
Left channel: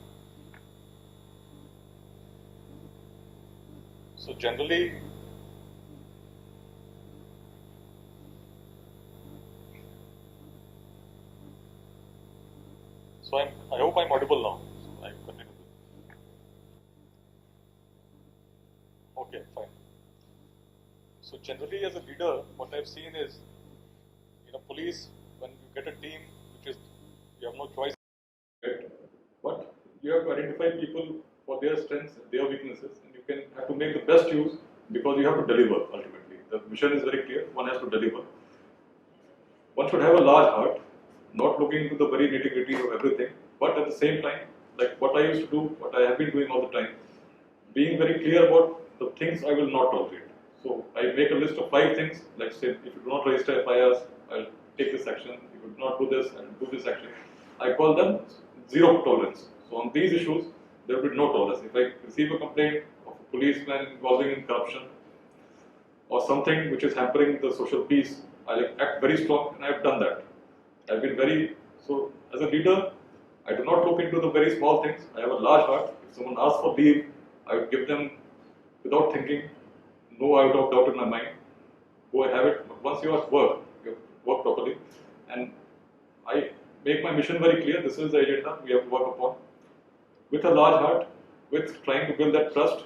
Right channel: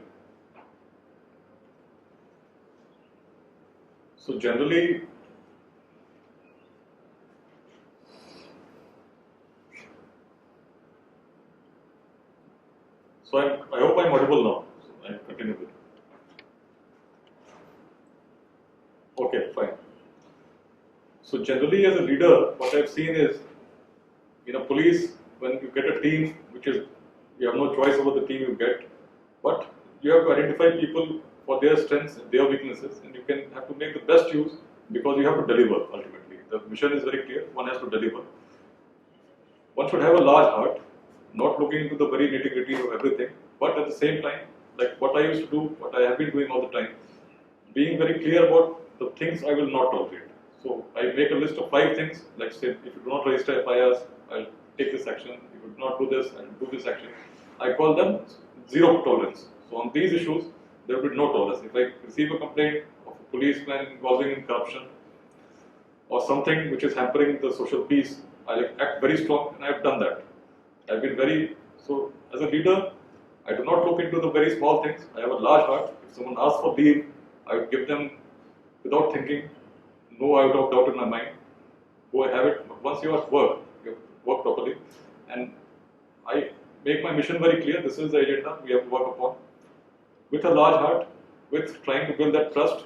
So generally, I hope I'm audible now. So I continue with it. Okay, fine. So generally, as a leader, what I've seen is, in a police, when you get a team, which is, you have no choice over the team you get, but you have to identify people for their strengths and their weaknesses, and you can have to make the best use because you have to deliver ultimately. The mission is very clear, one has to deliver. One should have a large heart, not looking into the very nitty-gritty of everything, but at the same time, like what I used to do, what I have been doing all the time, being very clear about the things I will not tolerate. So I make a list of 5 things, like say, if you do not register FIRs, I'll take this action. If you do not do this, I'll do this action. I call them zero tolerance. So on these issues, there will be no tolerance. If I receive a complaint of a policeman involving in corruption or something which is hampering the social peace, I'll act very strong, and I've done that. I've been very, so as a leader, I do not look into the very small things. I have a large heart. If someone asks for leave, I would give them without thinking, no doubt in my mind. Go and have it. But once you are at work, you have to work properly. And I make my mission very clear. This is the agenda we have to work upon. With a large heart, with trying to build that trust,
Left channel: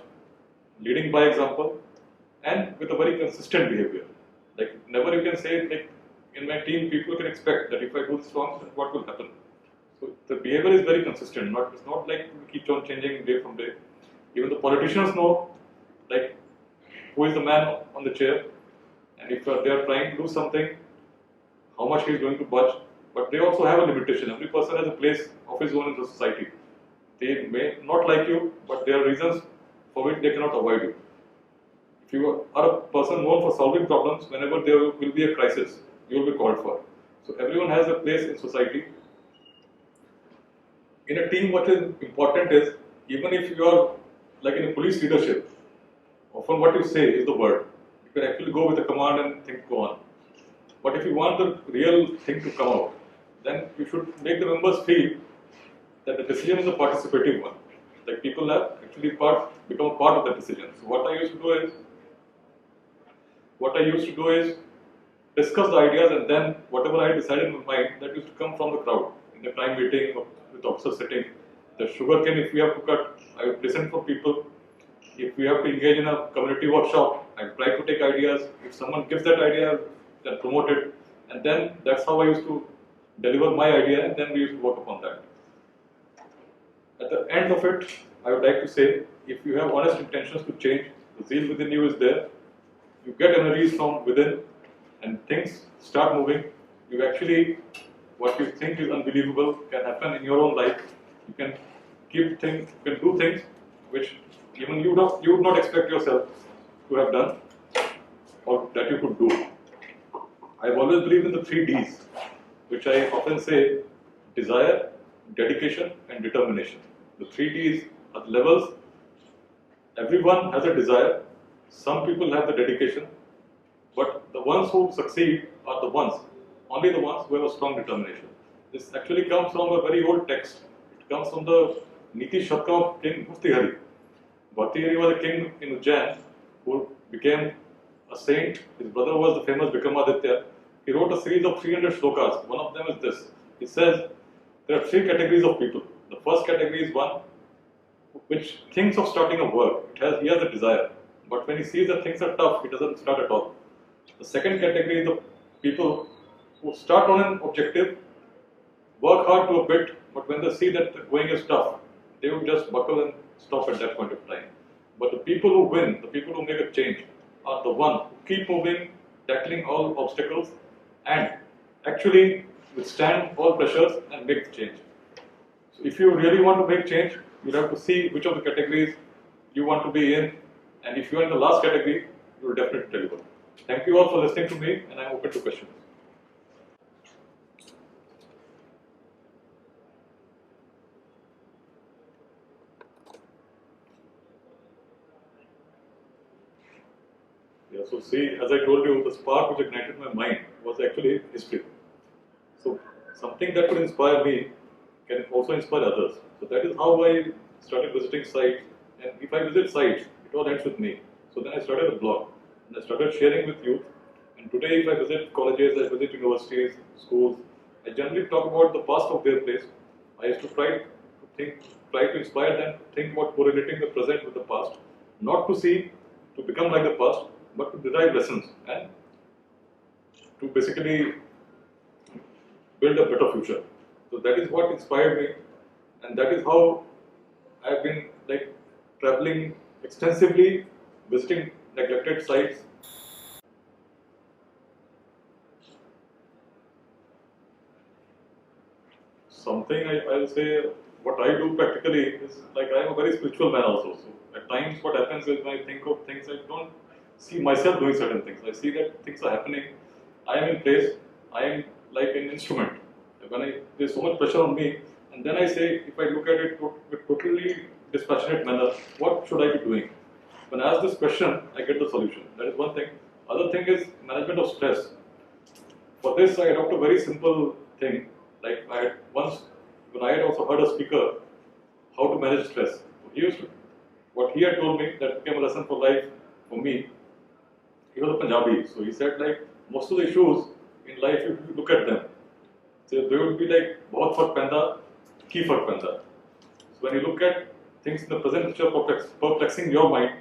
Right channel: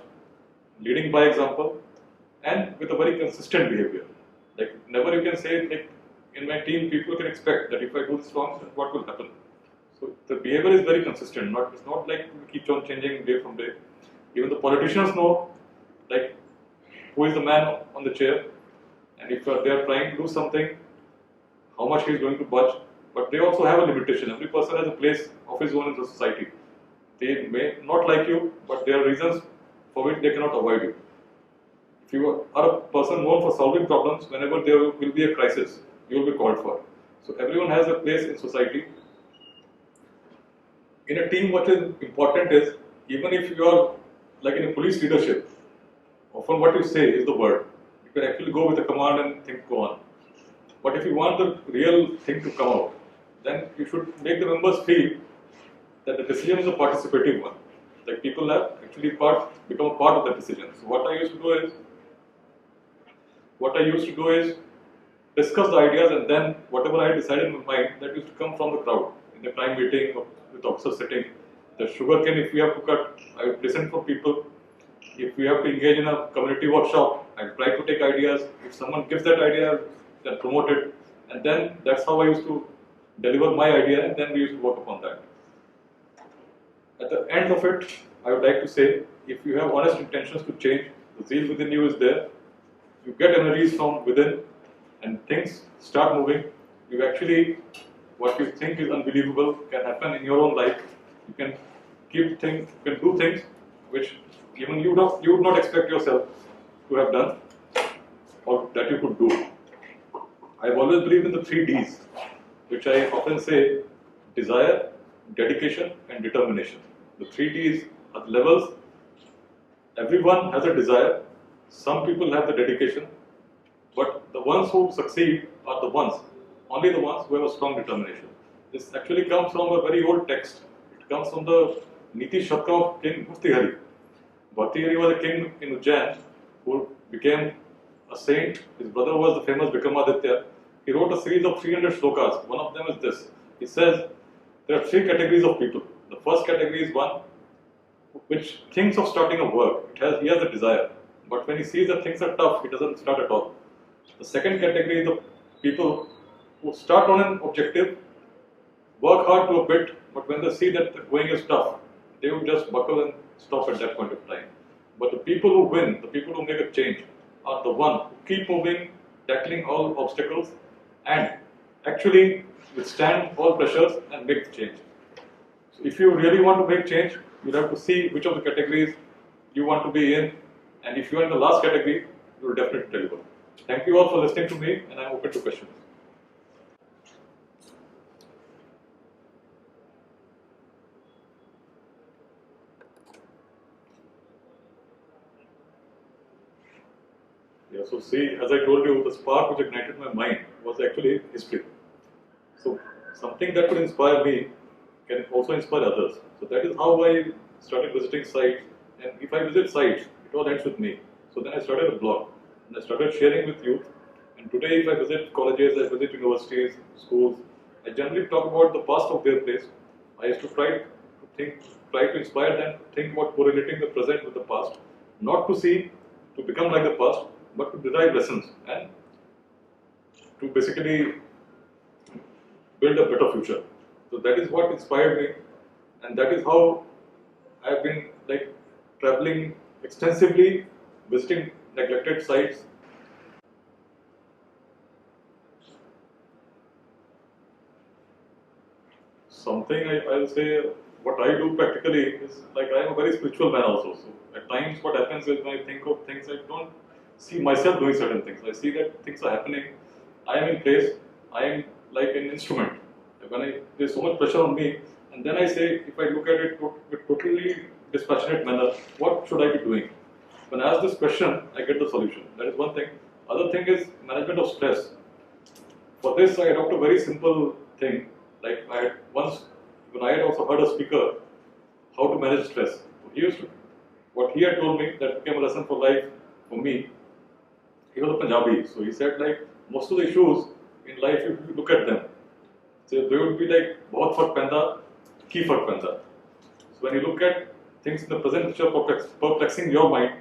leading by example, and with a very consistent behavior. Like never you can say like in my team people can expect that if I do this wrong, then what will happen. So the behavior is very consistent. It's not like we keep on changing day from day. Even the politicians know like who is the man on the chair, and if they are trying to do something, how much he is going to budge. But they also have a limitation. Every person has a place of his own in the society. They may not like you, but there are reasons for which they cannot avoid you. If you are a person known for solving problems, whenever there will be a crisis, you will be called for. So everyone has a place in society. In a team, what is important is, even if you are like in a police leadership, often what you say is the word. You can actually go with a command and things go on. But if you want the real thing to come out, then you should make the members feel that the decision is a participative one. Like people have actually become a part of the decision. So what I used to do is discuss the ideas, and then whatever I decided in my mind, that used to come from the crowd. In the crime meeting or with officers sitting, the sugarcane if we have to cut, I would listen for people. If we have to engage in a community workshop, I try to take ideas. If someone gives that idea, then promote it. And then that's how I used to deliver my idea, and then we used to work upon that. At the end of it, I would like to say, if you have honest intentions to change, the zeal within you is there, you get energies from within, and things start moving. You actually, what you think is unbelievable can happen in your own life. You can you can do things which even you would not expect yourself to have done, or that you could do. I've always believed in the 3 Ds, which I often say: desire, dedication, and determination. The 3 Ds are the levels. Everyone has a desire. Some people have the dedication, but the ones who succeed are only the ones who have a strong determination. This actually comes from a very old text. It comes from the Niti Shatka of King Bhartrihari. Bhartrihari was a king in Ujjain who became a saint. His brother was the famous Vikramaditya. He wrote a series of 300 shlokas. One of them is this. He says there are 3 categories of people. The first category is one which thinks of starting a work. He has a desire, but when he sees that things are tough, he doesn't start at all. The second category is the people who start on an objective, work hard to a bit, but when they see that the going is tough, they will just buckle and stop at that point of time. But the people who win, the people who make a change, are the ones who keep moving, tackling all obstacles, and actually withstand all pressures and make the change. So if you really want to make change, you have to see which of the categories you want to be in, and if you are in the last category, you will definitely deliver. Thank you all for listening to me, and I am open to questions. Yeah, so see, as I told you, the spark which ignited my mind was actually history. So something that could inspire me can also inspire others. So that is how I started visiting sites. And if I visit sites, it all ends with me. So then I started a blog, and I started sharing with youth. And today, if I visit colleges, I visit universities, schools, I generally talk about the past of their place. I used to try to inspire them to think about correlating the present with the past, not to become like the past, but to derive lessons and to basically build a better future. So that is what inspired me, and that is how I've been like traveling extensively, visiting neglected sites. Something I'll say, what I do practically is like I am a very spiritual man also. So at times what happens is when I think of things, I don't see myself doing certain things. I see that things are happening. I am in place. I am like an instrument. There's so much pressure on me, and then I say, if I look at it with totally dispassionate manner, what should I be doing? When I ask this question, I get the solution. That is one thing. Other thing is management of stress. For this, I adopt a very simple thing. Like I had once, when I had also heard a speaker how to manage stress. So what he had told me that became a lesson for life for me. He was a Punjabi, so he said like most of the issues in life, if you look at them, so they would be like bahut fark penda, ki fark penda. So when you look at things in the present which are perplexing your mind,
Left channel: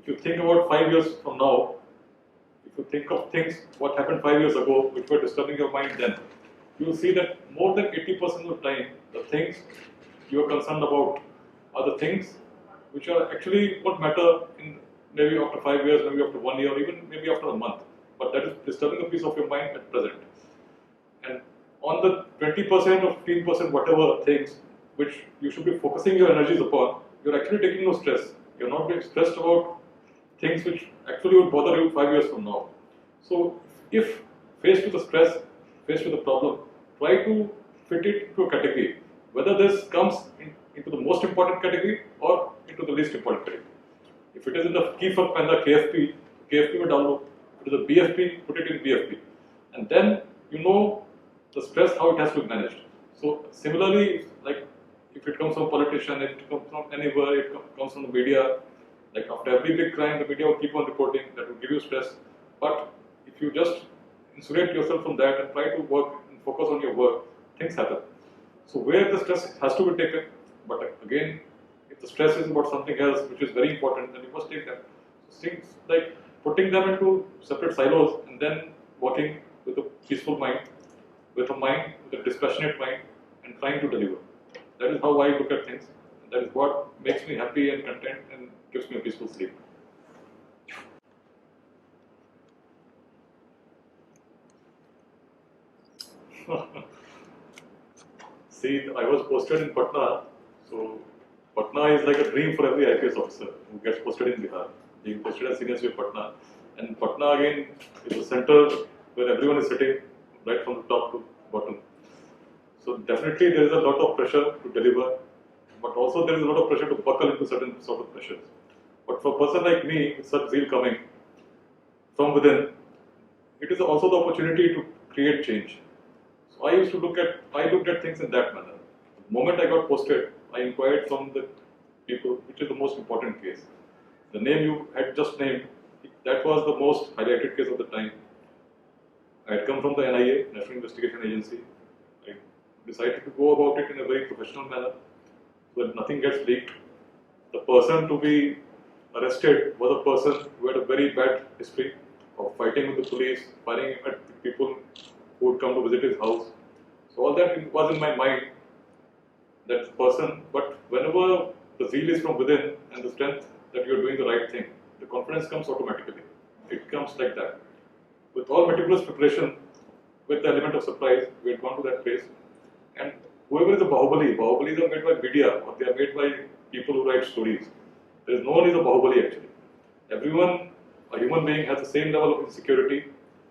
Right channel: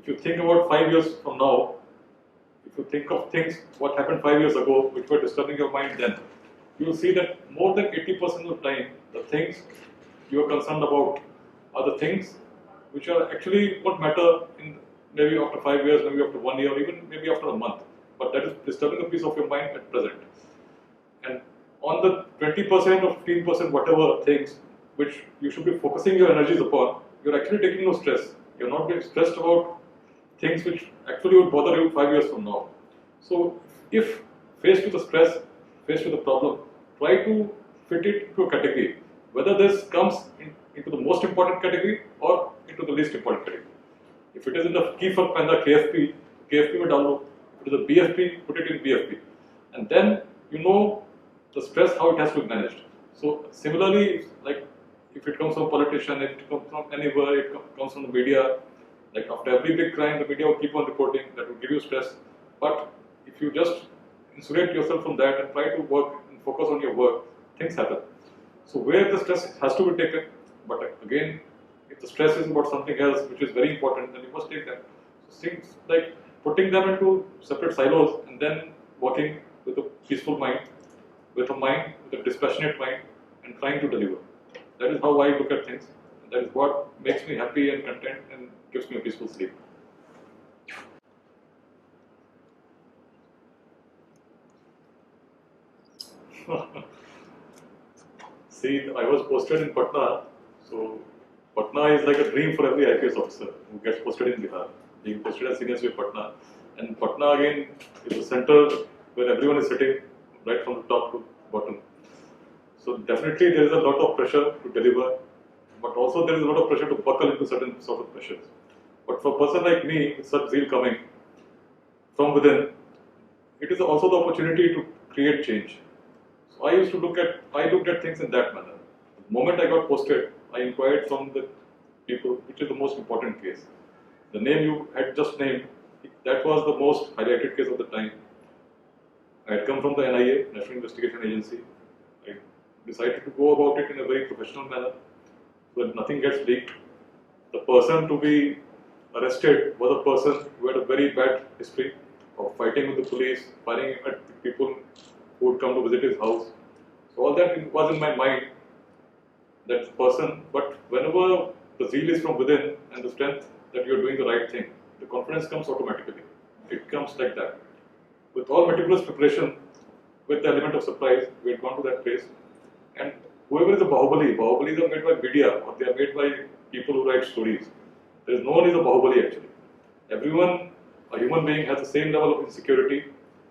If you think about 5 years from now, if you think of things, what happened 5 years ago, which were disturbing your mind then, you will see that more than 80% of the time, the things you are concerned about are the things which are actually won't matter in maybe after 5 years, maybe after 1 year, or even maybe after a month. But that is disturbing a piece of your mind at present. And on the 20% or 15%, whatever things which you should be focusing your energies upon, you're actually taking no stress. You're not being stressed about things which actually would bother you 5 years from now. So, if faced with the stress, faced with the problem, try to fit it into a category. Whether this comes into the most important category or into the least important category. If it is in the key for panda KFP, KFP में डाल दो. If it is a BFP, put it in BFP, and then you know the stress how it has to be managed. So similarly, like if it comes from politician, if it comes from anywhere, it comes from the media. Like after every big crime, the media will keep on reporting. That will give you stress. But if you just insulate yourself from that and try to work and focus on your work, things happen. So where the stress has to be taken, but again, if the stress is about something else which is very important, then you must take that. So things like putting them into separate silos and then working with a peaceful mind, with a dispassionate mind, and trying to deliver. That is how I look at things. That is what makes me happy and content and gives me a peaceful sleep. See, I was posted in Patna, so Patna is like a dream for every IPS officer who gets posted in Bihar. Being posted as senior SPA Patna, and Patna again is the center where everyone is sitting, right from the top to bottom. So definitely there is a lot of pressure to deliver, but also there is a lot of pressure to buckle into certain sort of pressures. But for a person like me, with such zeal coming from within, it is also the opportunity to create change. So I looked at things in that manner. The moment I got posted, I inquired from the people, which is the most important case. The name you had just named, that was the most highlighted case of the time. I had come from the NIA, National Investigation Agency. I decided to go about it in a very professional manner so that nothing gets leaked. The person to be arrested was a person who had a very bad history of fighting with the police, firing at the people who would come to visit his house. So all that was in my mind, that person, but whenever the zeal is from within and the strength that you're doing the right thing, the confidence comes automatically. It comes like that. With all meticulous preparation, with the element of surprise, we had gone to that place, and whoever is a Bahubalis are made by media or they are made by people who write stories. There is no one is a Bahubali actually. Everyone, a human being, has the same level of insecurity.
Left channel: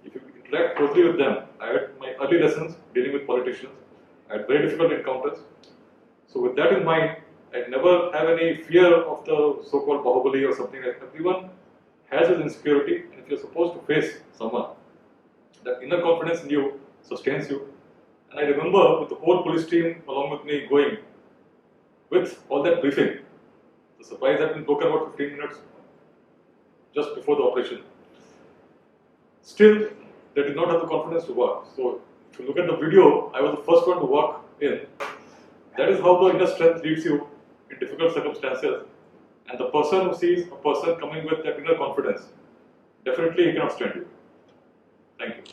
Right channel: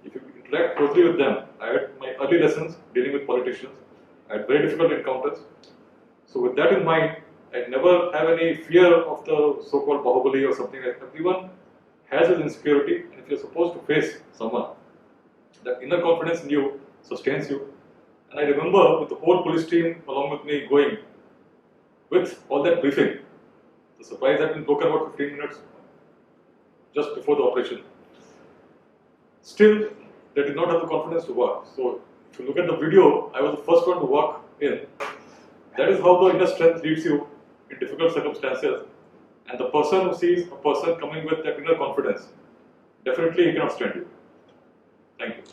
If you interact closely with them, I had my early lessons dealing with politicians. I had very difficult encounters. So with that in mind, I never have any fear of the so-called Bahubali or something like that. Everyone has his insecurity, and if you're supposed to face someone, that inner confidence in you sustains you. And I remember with the whole police team along with me going with all that briefing. The surprise had been broken about 15 minutes just before the operation. Still, they did not have the confidence to walk. So, if you look at the video, I was the first one to walk in. That is how the inner strength leads you in difficult circumstances. And the person who sees a person coming with that inner confidence, definitely he cannot stand you. Thank you.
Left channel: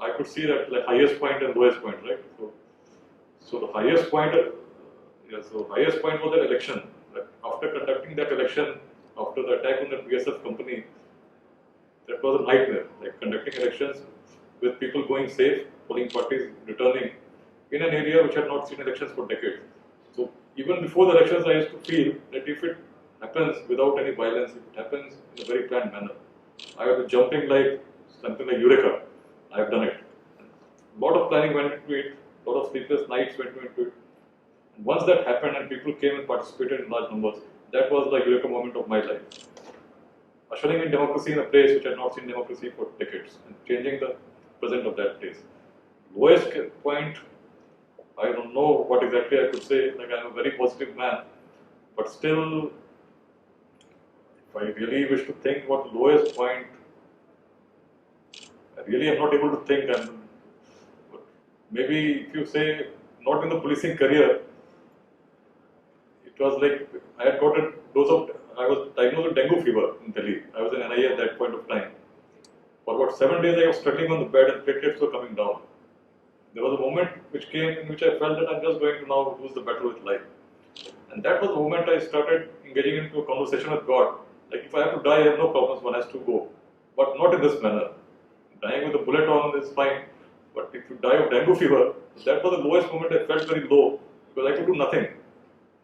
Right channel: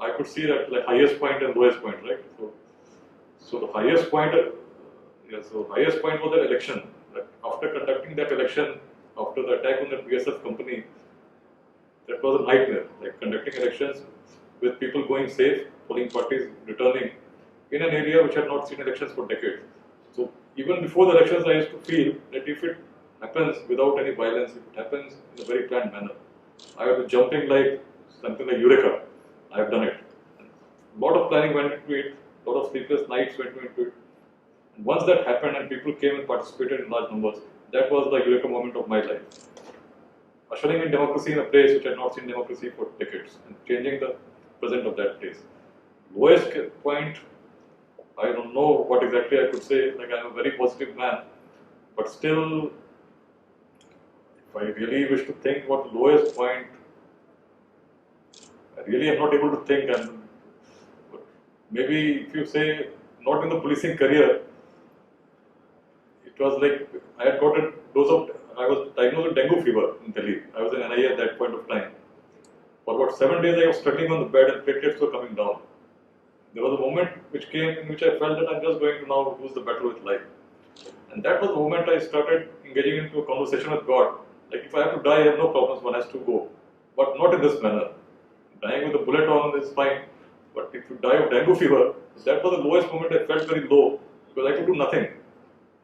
I could see that like highest point and lowest point, right? So the highest point, highest point was that election. Like after conducting that election, after the attack on the BSF company, that was a nightmare. Like conducting elections with people going safe, polling parties returning in an area which had not seen elections for decades. So even before the elections, I used to feel that if it happens without any violence, if it happens in a very planned manner, I would be jumping like something like Eureka. I have done it. A lot of planning went into it, a lot of sleepless nights went into it. And once that happened and people came and participated in large numbers, that was the Eureka moment of my life. Ushering in democracy in a place which had not seen democracy for decades and changing the present of that place. Lowest point, I don't know what exactly I could say, like I'm a very positive man, but still, if I really wish to think what the lowest point, I really am not able to think, and maybe if you say not in the policing career, it was like I had got a dose of, I was diagnosed with dengue fever in Delhi. I was in NIA at that point of time. For about 7 days I was struggling on the bed and platelets were coming down. There was a moment which came in which I felt that I'm just going to now lose the battle with life. And that was the moment I started engaging into a conversation with God. Like if I have to die, I have no problems, one has to go. But not in this manner. Dying with a bullet on is fine. But if you die of dengue fever, that was the lowest moment. I felt very low because I could do nothing.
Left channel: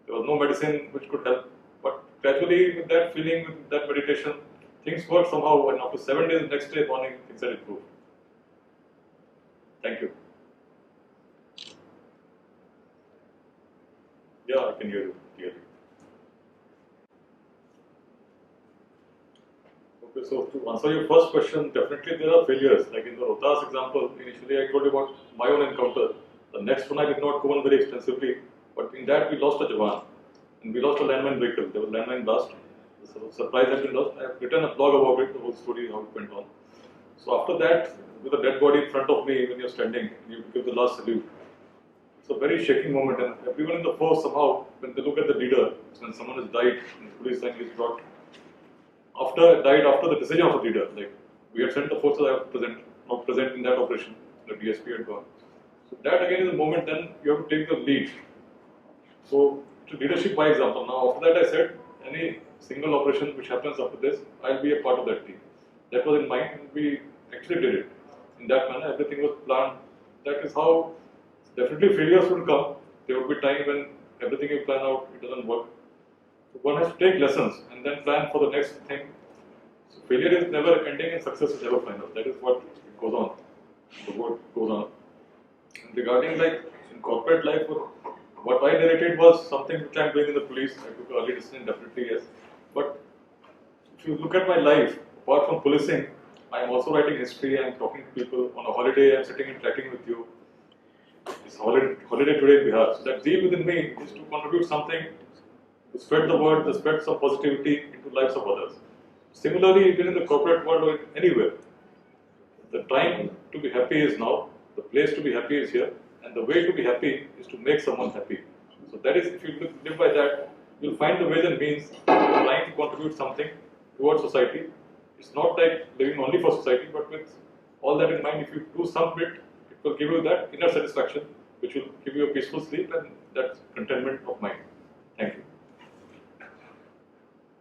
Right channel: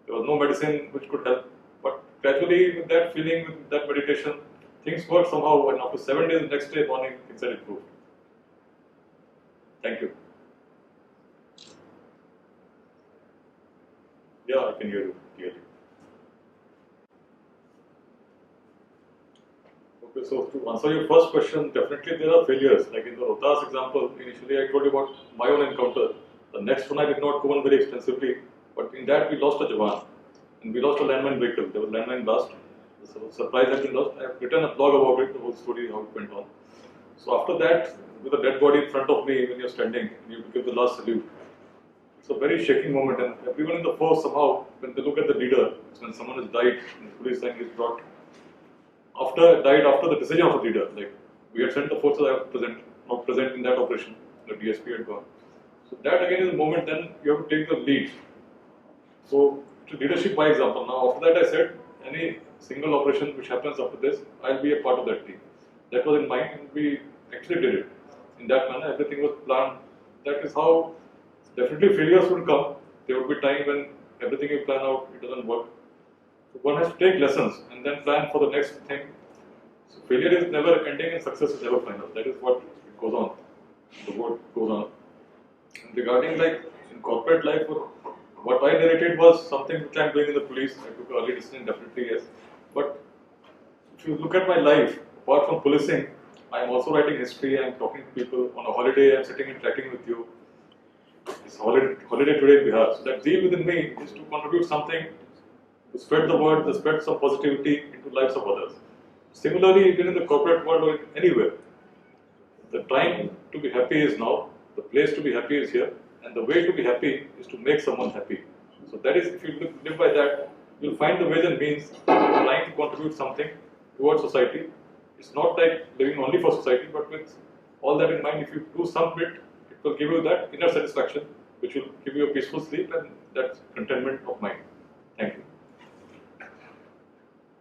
There was no medicine which could help. But gradually with that feeling, with that meditation, things worked somehow, and after 7 days, the next day morning, things had improved. Thank you. Yeah, I can hear you clearly. Okay, so to answer your first question, definitely there are failures. Like in the Rohtas example, initially I told you about my own encounter. The next one I did not go on very extensively, but in that we lost a Jawan. And we lost a landmine vehicle. There was landmine blast. The supplies had been lost. I have written a blog about it, the whole story, how it went on. So after that, with a dead body in front of me, when you're standing, you give the last salute. It's a very shaking moment, and everyone in the force somehow, when they look at the leader, it's when someone has died, and the police line is brought. Died after the decision of the leader. Like we had sent the forces I was not present in that operation. The DSP had gone. So that again is a moment. Then you have to take the lead. So to leadership by example. Now after that I said any single operation which happens after this, I'll be a part of that team. That was in mind, and we actually did it in that manner. Everything was planned. That is how definitely failures will come. There will be time when everything you plan out it doesn't work. So one has to take lessons and then plan for the next thing. So failure is never ending and success is never final. That is what goes on. The word goes on. And regarding like in corporate life, what I narrated was something which I'm doing in the police. I took early decision, definitely yes. But if you look at my life, apart from policing, I'm also writing history. I'm talking to people on a holiday. I'm sitting and chatting with you. It's holiday today in Bihar. So that zeal within me is to contribute something, to spread the word, to spread some positivity into lives of others. Similarly, even in the corporate world or anywhere, the time to be happy is now, the place to be happy is here, and the way to be happy is to make someone happy. So that is, if you live by that, you'll find the ways and means trying to contribute something towards society. It's not like living only for society, but with all that in mind, if you do some bit, it will give you that inner satisfaction, which will give you a peaceful sleep and that contentment of mind. Thank you.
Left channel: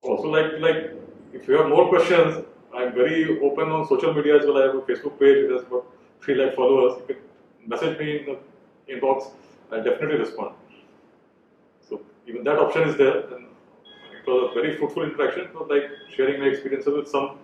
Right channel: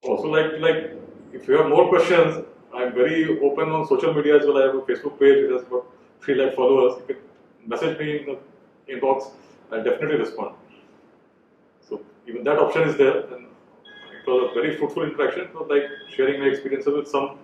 Also, like if you have more questions, I'm very open on social media as well. I have a Facebook page which has about 3 lakh followers. You can message me in the inbox. I'll definitely respond. So even that option is there, and it was a very fruitful interaction. It was like sharing my experiences with some.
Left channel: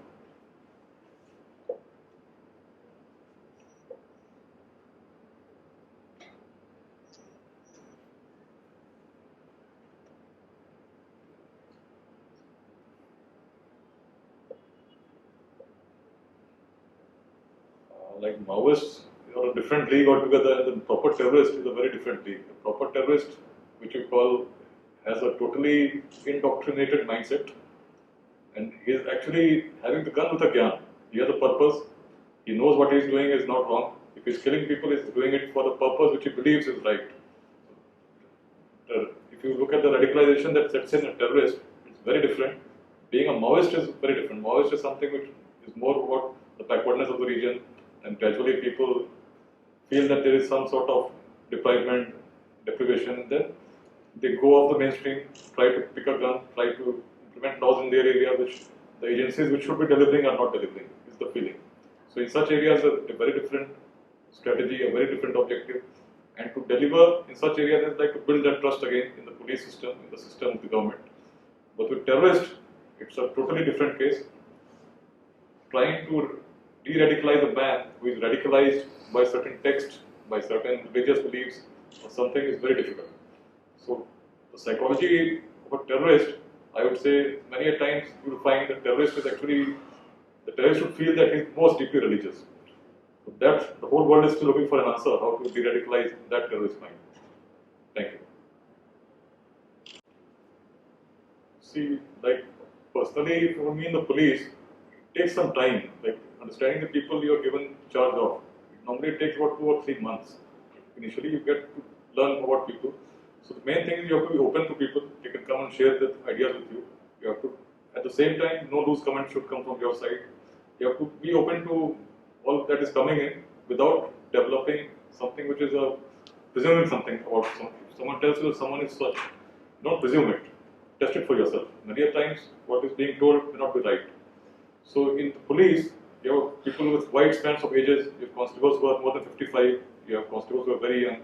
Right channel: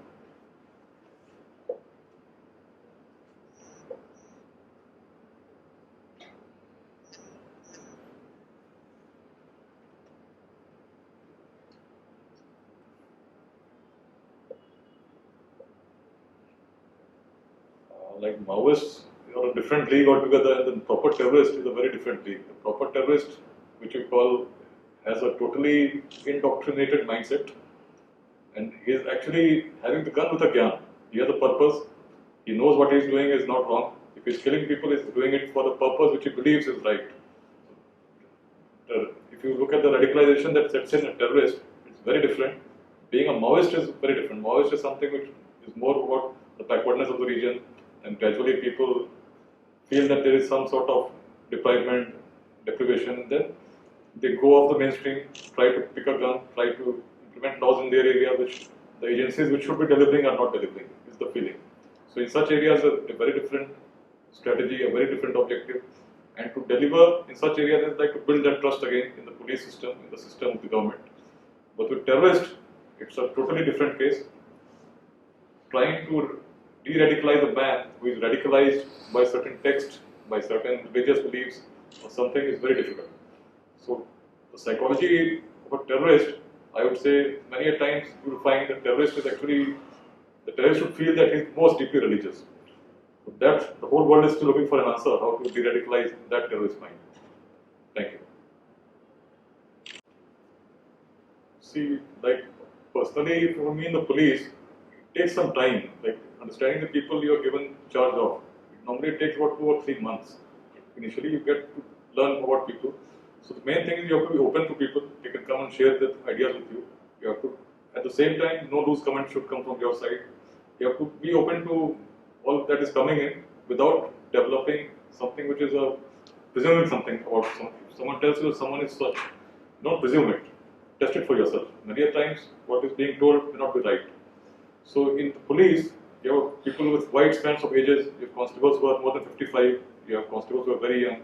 Like Maoists are a different league altogether, and the proper terrorist is a very different league. The proper terrorist, which you call, has a totally indoctrinated mindset, and he is actually having the gun with a gyan. He has a purpose. He knows what he is doing is not wrong. If he is killing people, he is doing it for the purpose which he believes is right. If you look at the radicalization that sets in a terrorist, it's very different. Being a Maoist is very different. Maoist is something which is more about the backwardness of the region, and gradually people feel that there is some sort of deprivation, and then they go off the mainstream, try to pick a gun, try to implement laws in their area which the agencies which should be delivering are not delivering, is the feeling. So in such areas, a very different strategy, a very different objective. And to deliver in such areas is like to build that trust again in the police system, in the system of the government. But with terrorists, it's a totally different case. Trying to de-radicalize a man who is radicalized by certain texts, by certain religious beliefs or something is very difficult. So the psychology of a terrorist, I would say many a times you will find the terrorist should feel that he is most deeply religious. So that the whole world is still looking for an answer how to de-radicalize that terrorist mind. Thank you. See, like personally for me in the police, it takes some time. Like understanding the people you are given charge of. It normally takes about 2 or 3 months. initially you get to learn about people. So the main thing is you have to be open to people. They can come and share their ideas with you. You have to, at the same time, no loose comment should come from your side. You have to be open to all that is coming in without developing something which is presuming something about someone. If someone tells you that someone is such, don't presume it. Test it for yourself. Many a times, what is being told may not be right. So in the police, you have people with wide spans of ages. You have constables who are more than 55. You have constables who are very young.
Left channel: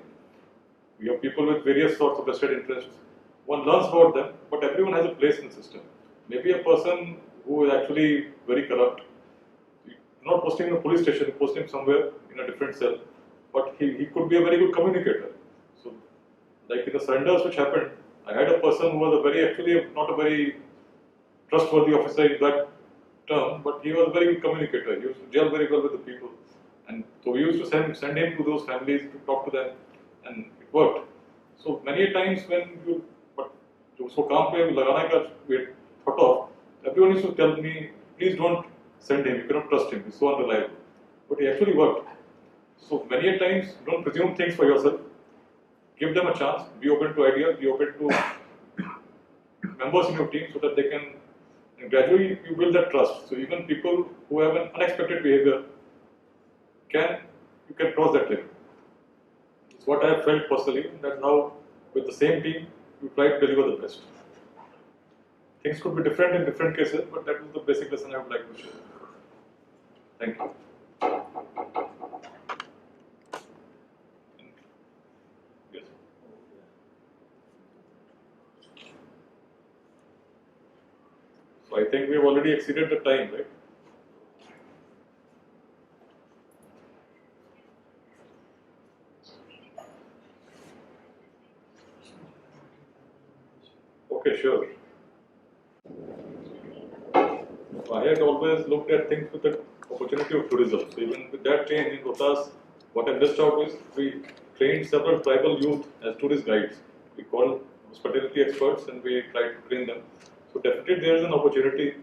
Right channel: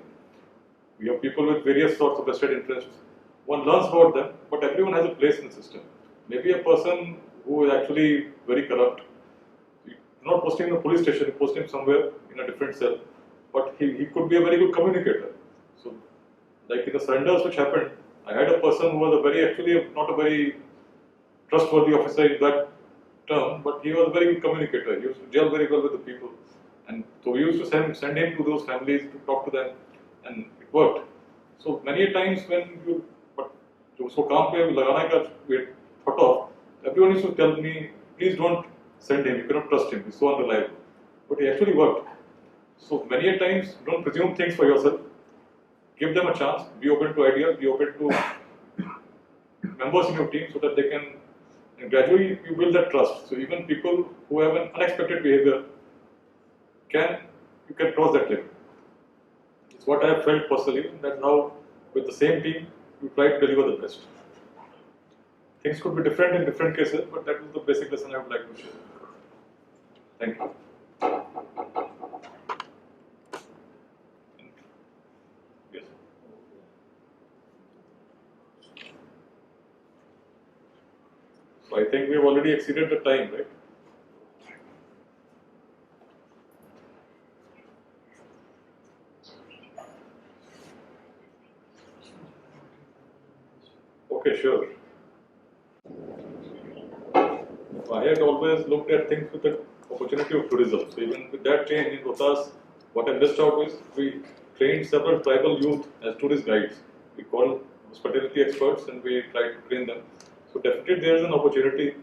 You have people with various sorts of vested interests. One learns about them, but everyone has a place in the system. Maybe a person who is actually very corrupt, you're not posting in a police station, you post him somewhere in a different cell, but he could be a very good communicator. So, like in the surrenders which happened, I had a person who was a very, actually not a very trustworthy officer in that term, but he was a very good communicator. He used to gel very well with the people. And so we used to send him to those families to talk to them, and it worked. So many a times when you, but जो उसको काम पे लगाने का thought of, everyone used to tell me, please don't send him, you cannot trust him, he's so unreliable. But he actually worked. So many a times, don't presume things for yourself. Give them a chance, be open to ideas, be open to members in your team so that they can, and gradually you build that trust. So even people who have an unexpected behavior, you can cross that limit. It's what I have felt personally, that now with the same team, you try to deliver the best. Things could be different in different cases, but that is the basic lesson I would like to share. Thank you. Yes. So I think we have already exceeded the time, right? Okay, sure. I had always looked at things with the opportunity of tourism. So even with that change in Rohtas, what I missed out is we trained several tribal youth as tourist guides. We called hospitality experts and we tried to train them. So definitely there is an opportunity,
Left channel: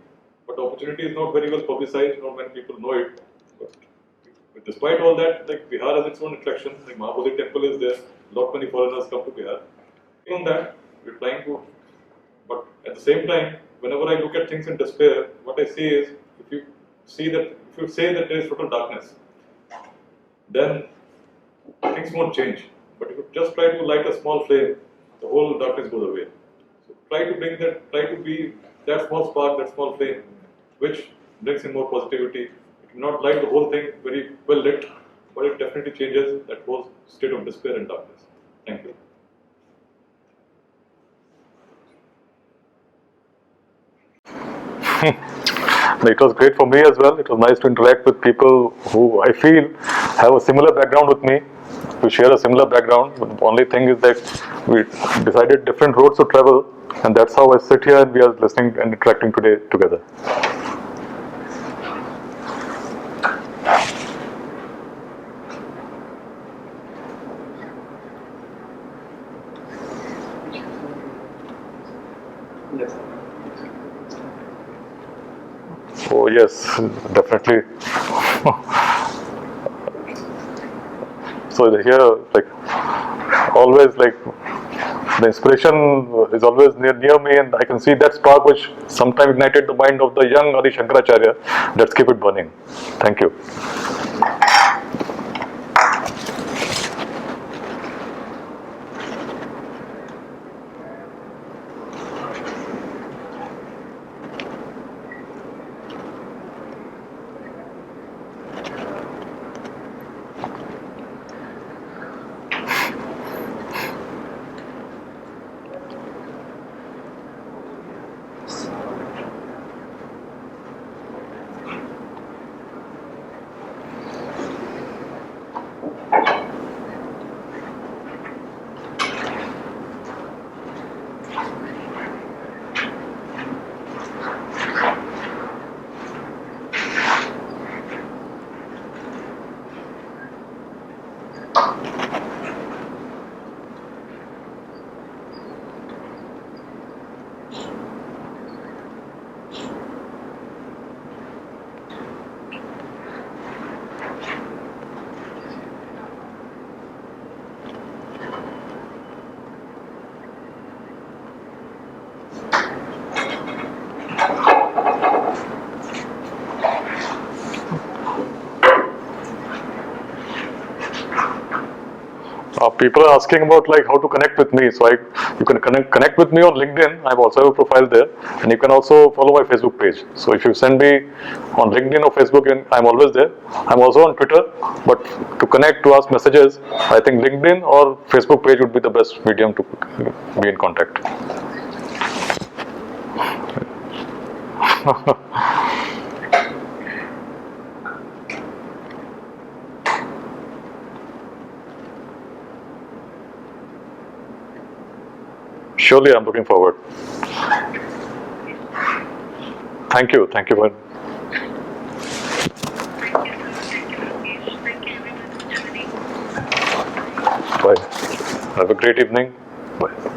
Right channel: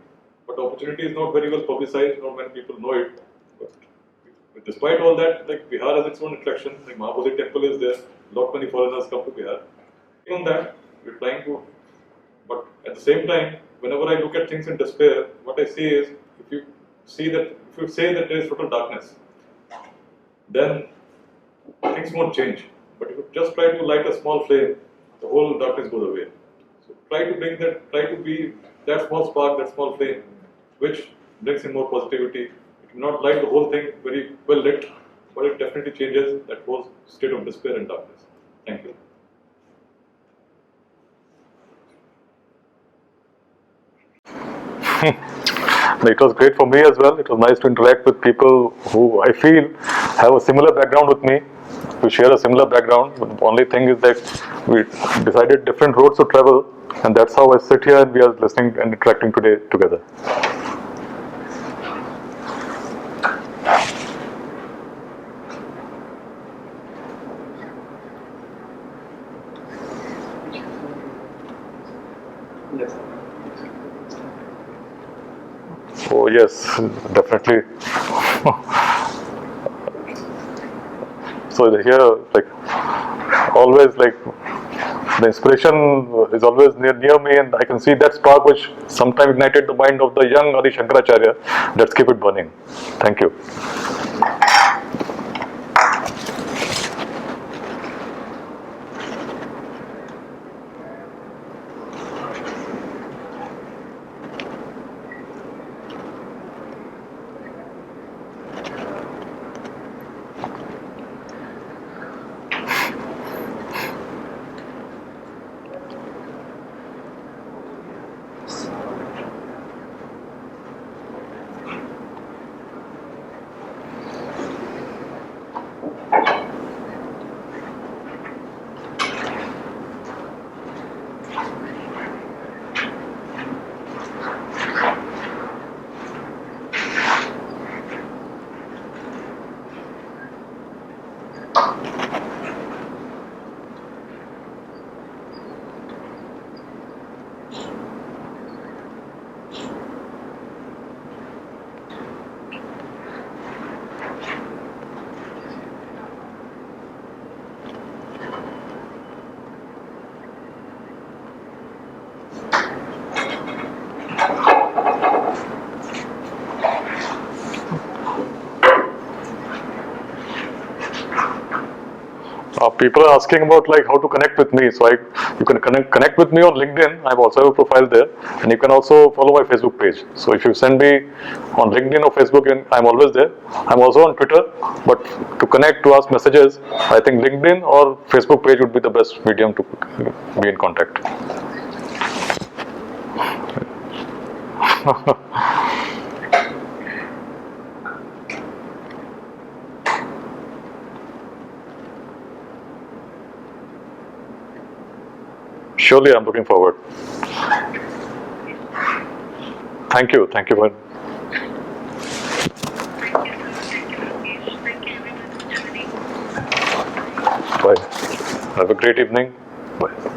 but the opportunity is not very well publicized, not many people know it. But despite all that, like Bihar has its own attraction, like Mahabodhi temple is there, lot many foreigners come to Bihar. On that, we're trying to, but at the same time, whenever I look at things in despair, what I see is, if you say that there is total darkness, then things won't change. But if you just try to light a small flame, the whole darkness goes away. So try to be that small spark, that small flame, which brings in more positivity. It will not light the whole thing very well lit, but it definitely changes that whole state of despair and darkness. Thank you. It was great for me as well. It was nice to interact with people who I feel have a similar background with me. We share a similar background, but the only thing is that we decided different roads to travel, and that's how I sit here and we are listening and interacting today together. Yes. Oh yes, definitely. So here, like always, like the inspiration is always near me, and I can see that spark which sometime ignited the mind of the young Adi Shankaracharya. Let's keep it burning. Thank you. People are asking about like how to connect with me. So you can connect with me on LinkedIn. I also have a profile there, and you can also follow my Facebook page. So if you send me on LinkedIn or Facebook, and I'm always there. I'm also on Twitter, but to connect, to ask messages, I think LinkedIn or Facebook page would be the best medium to be in contact. Surely, I'm looking forward. Thank you. Thank you for. Bye. Have a great evening. Bye.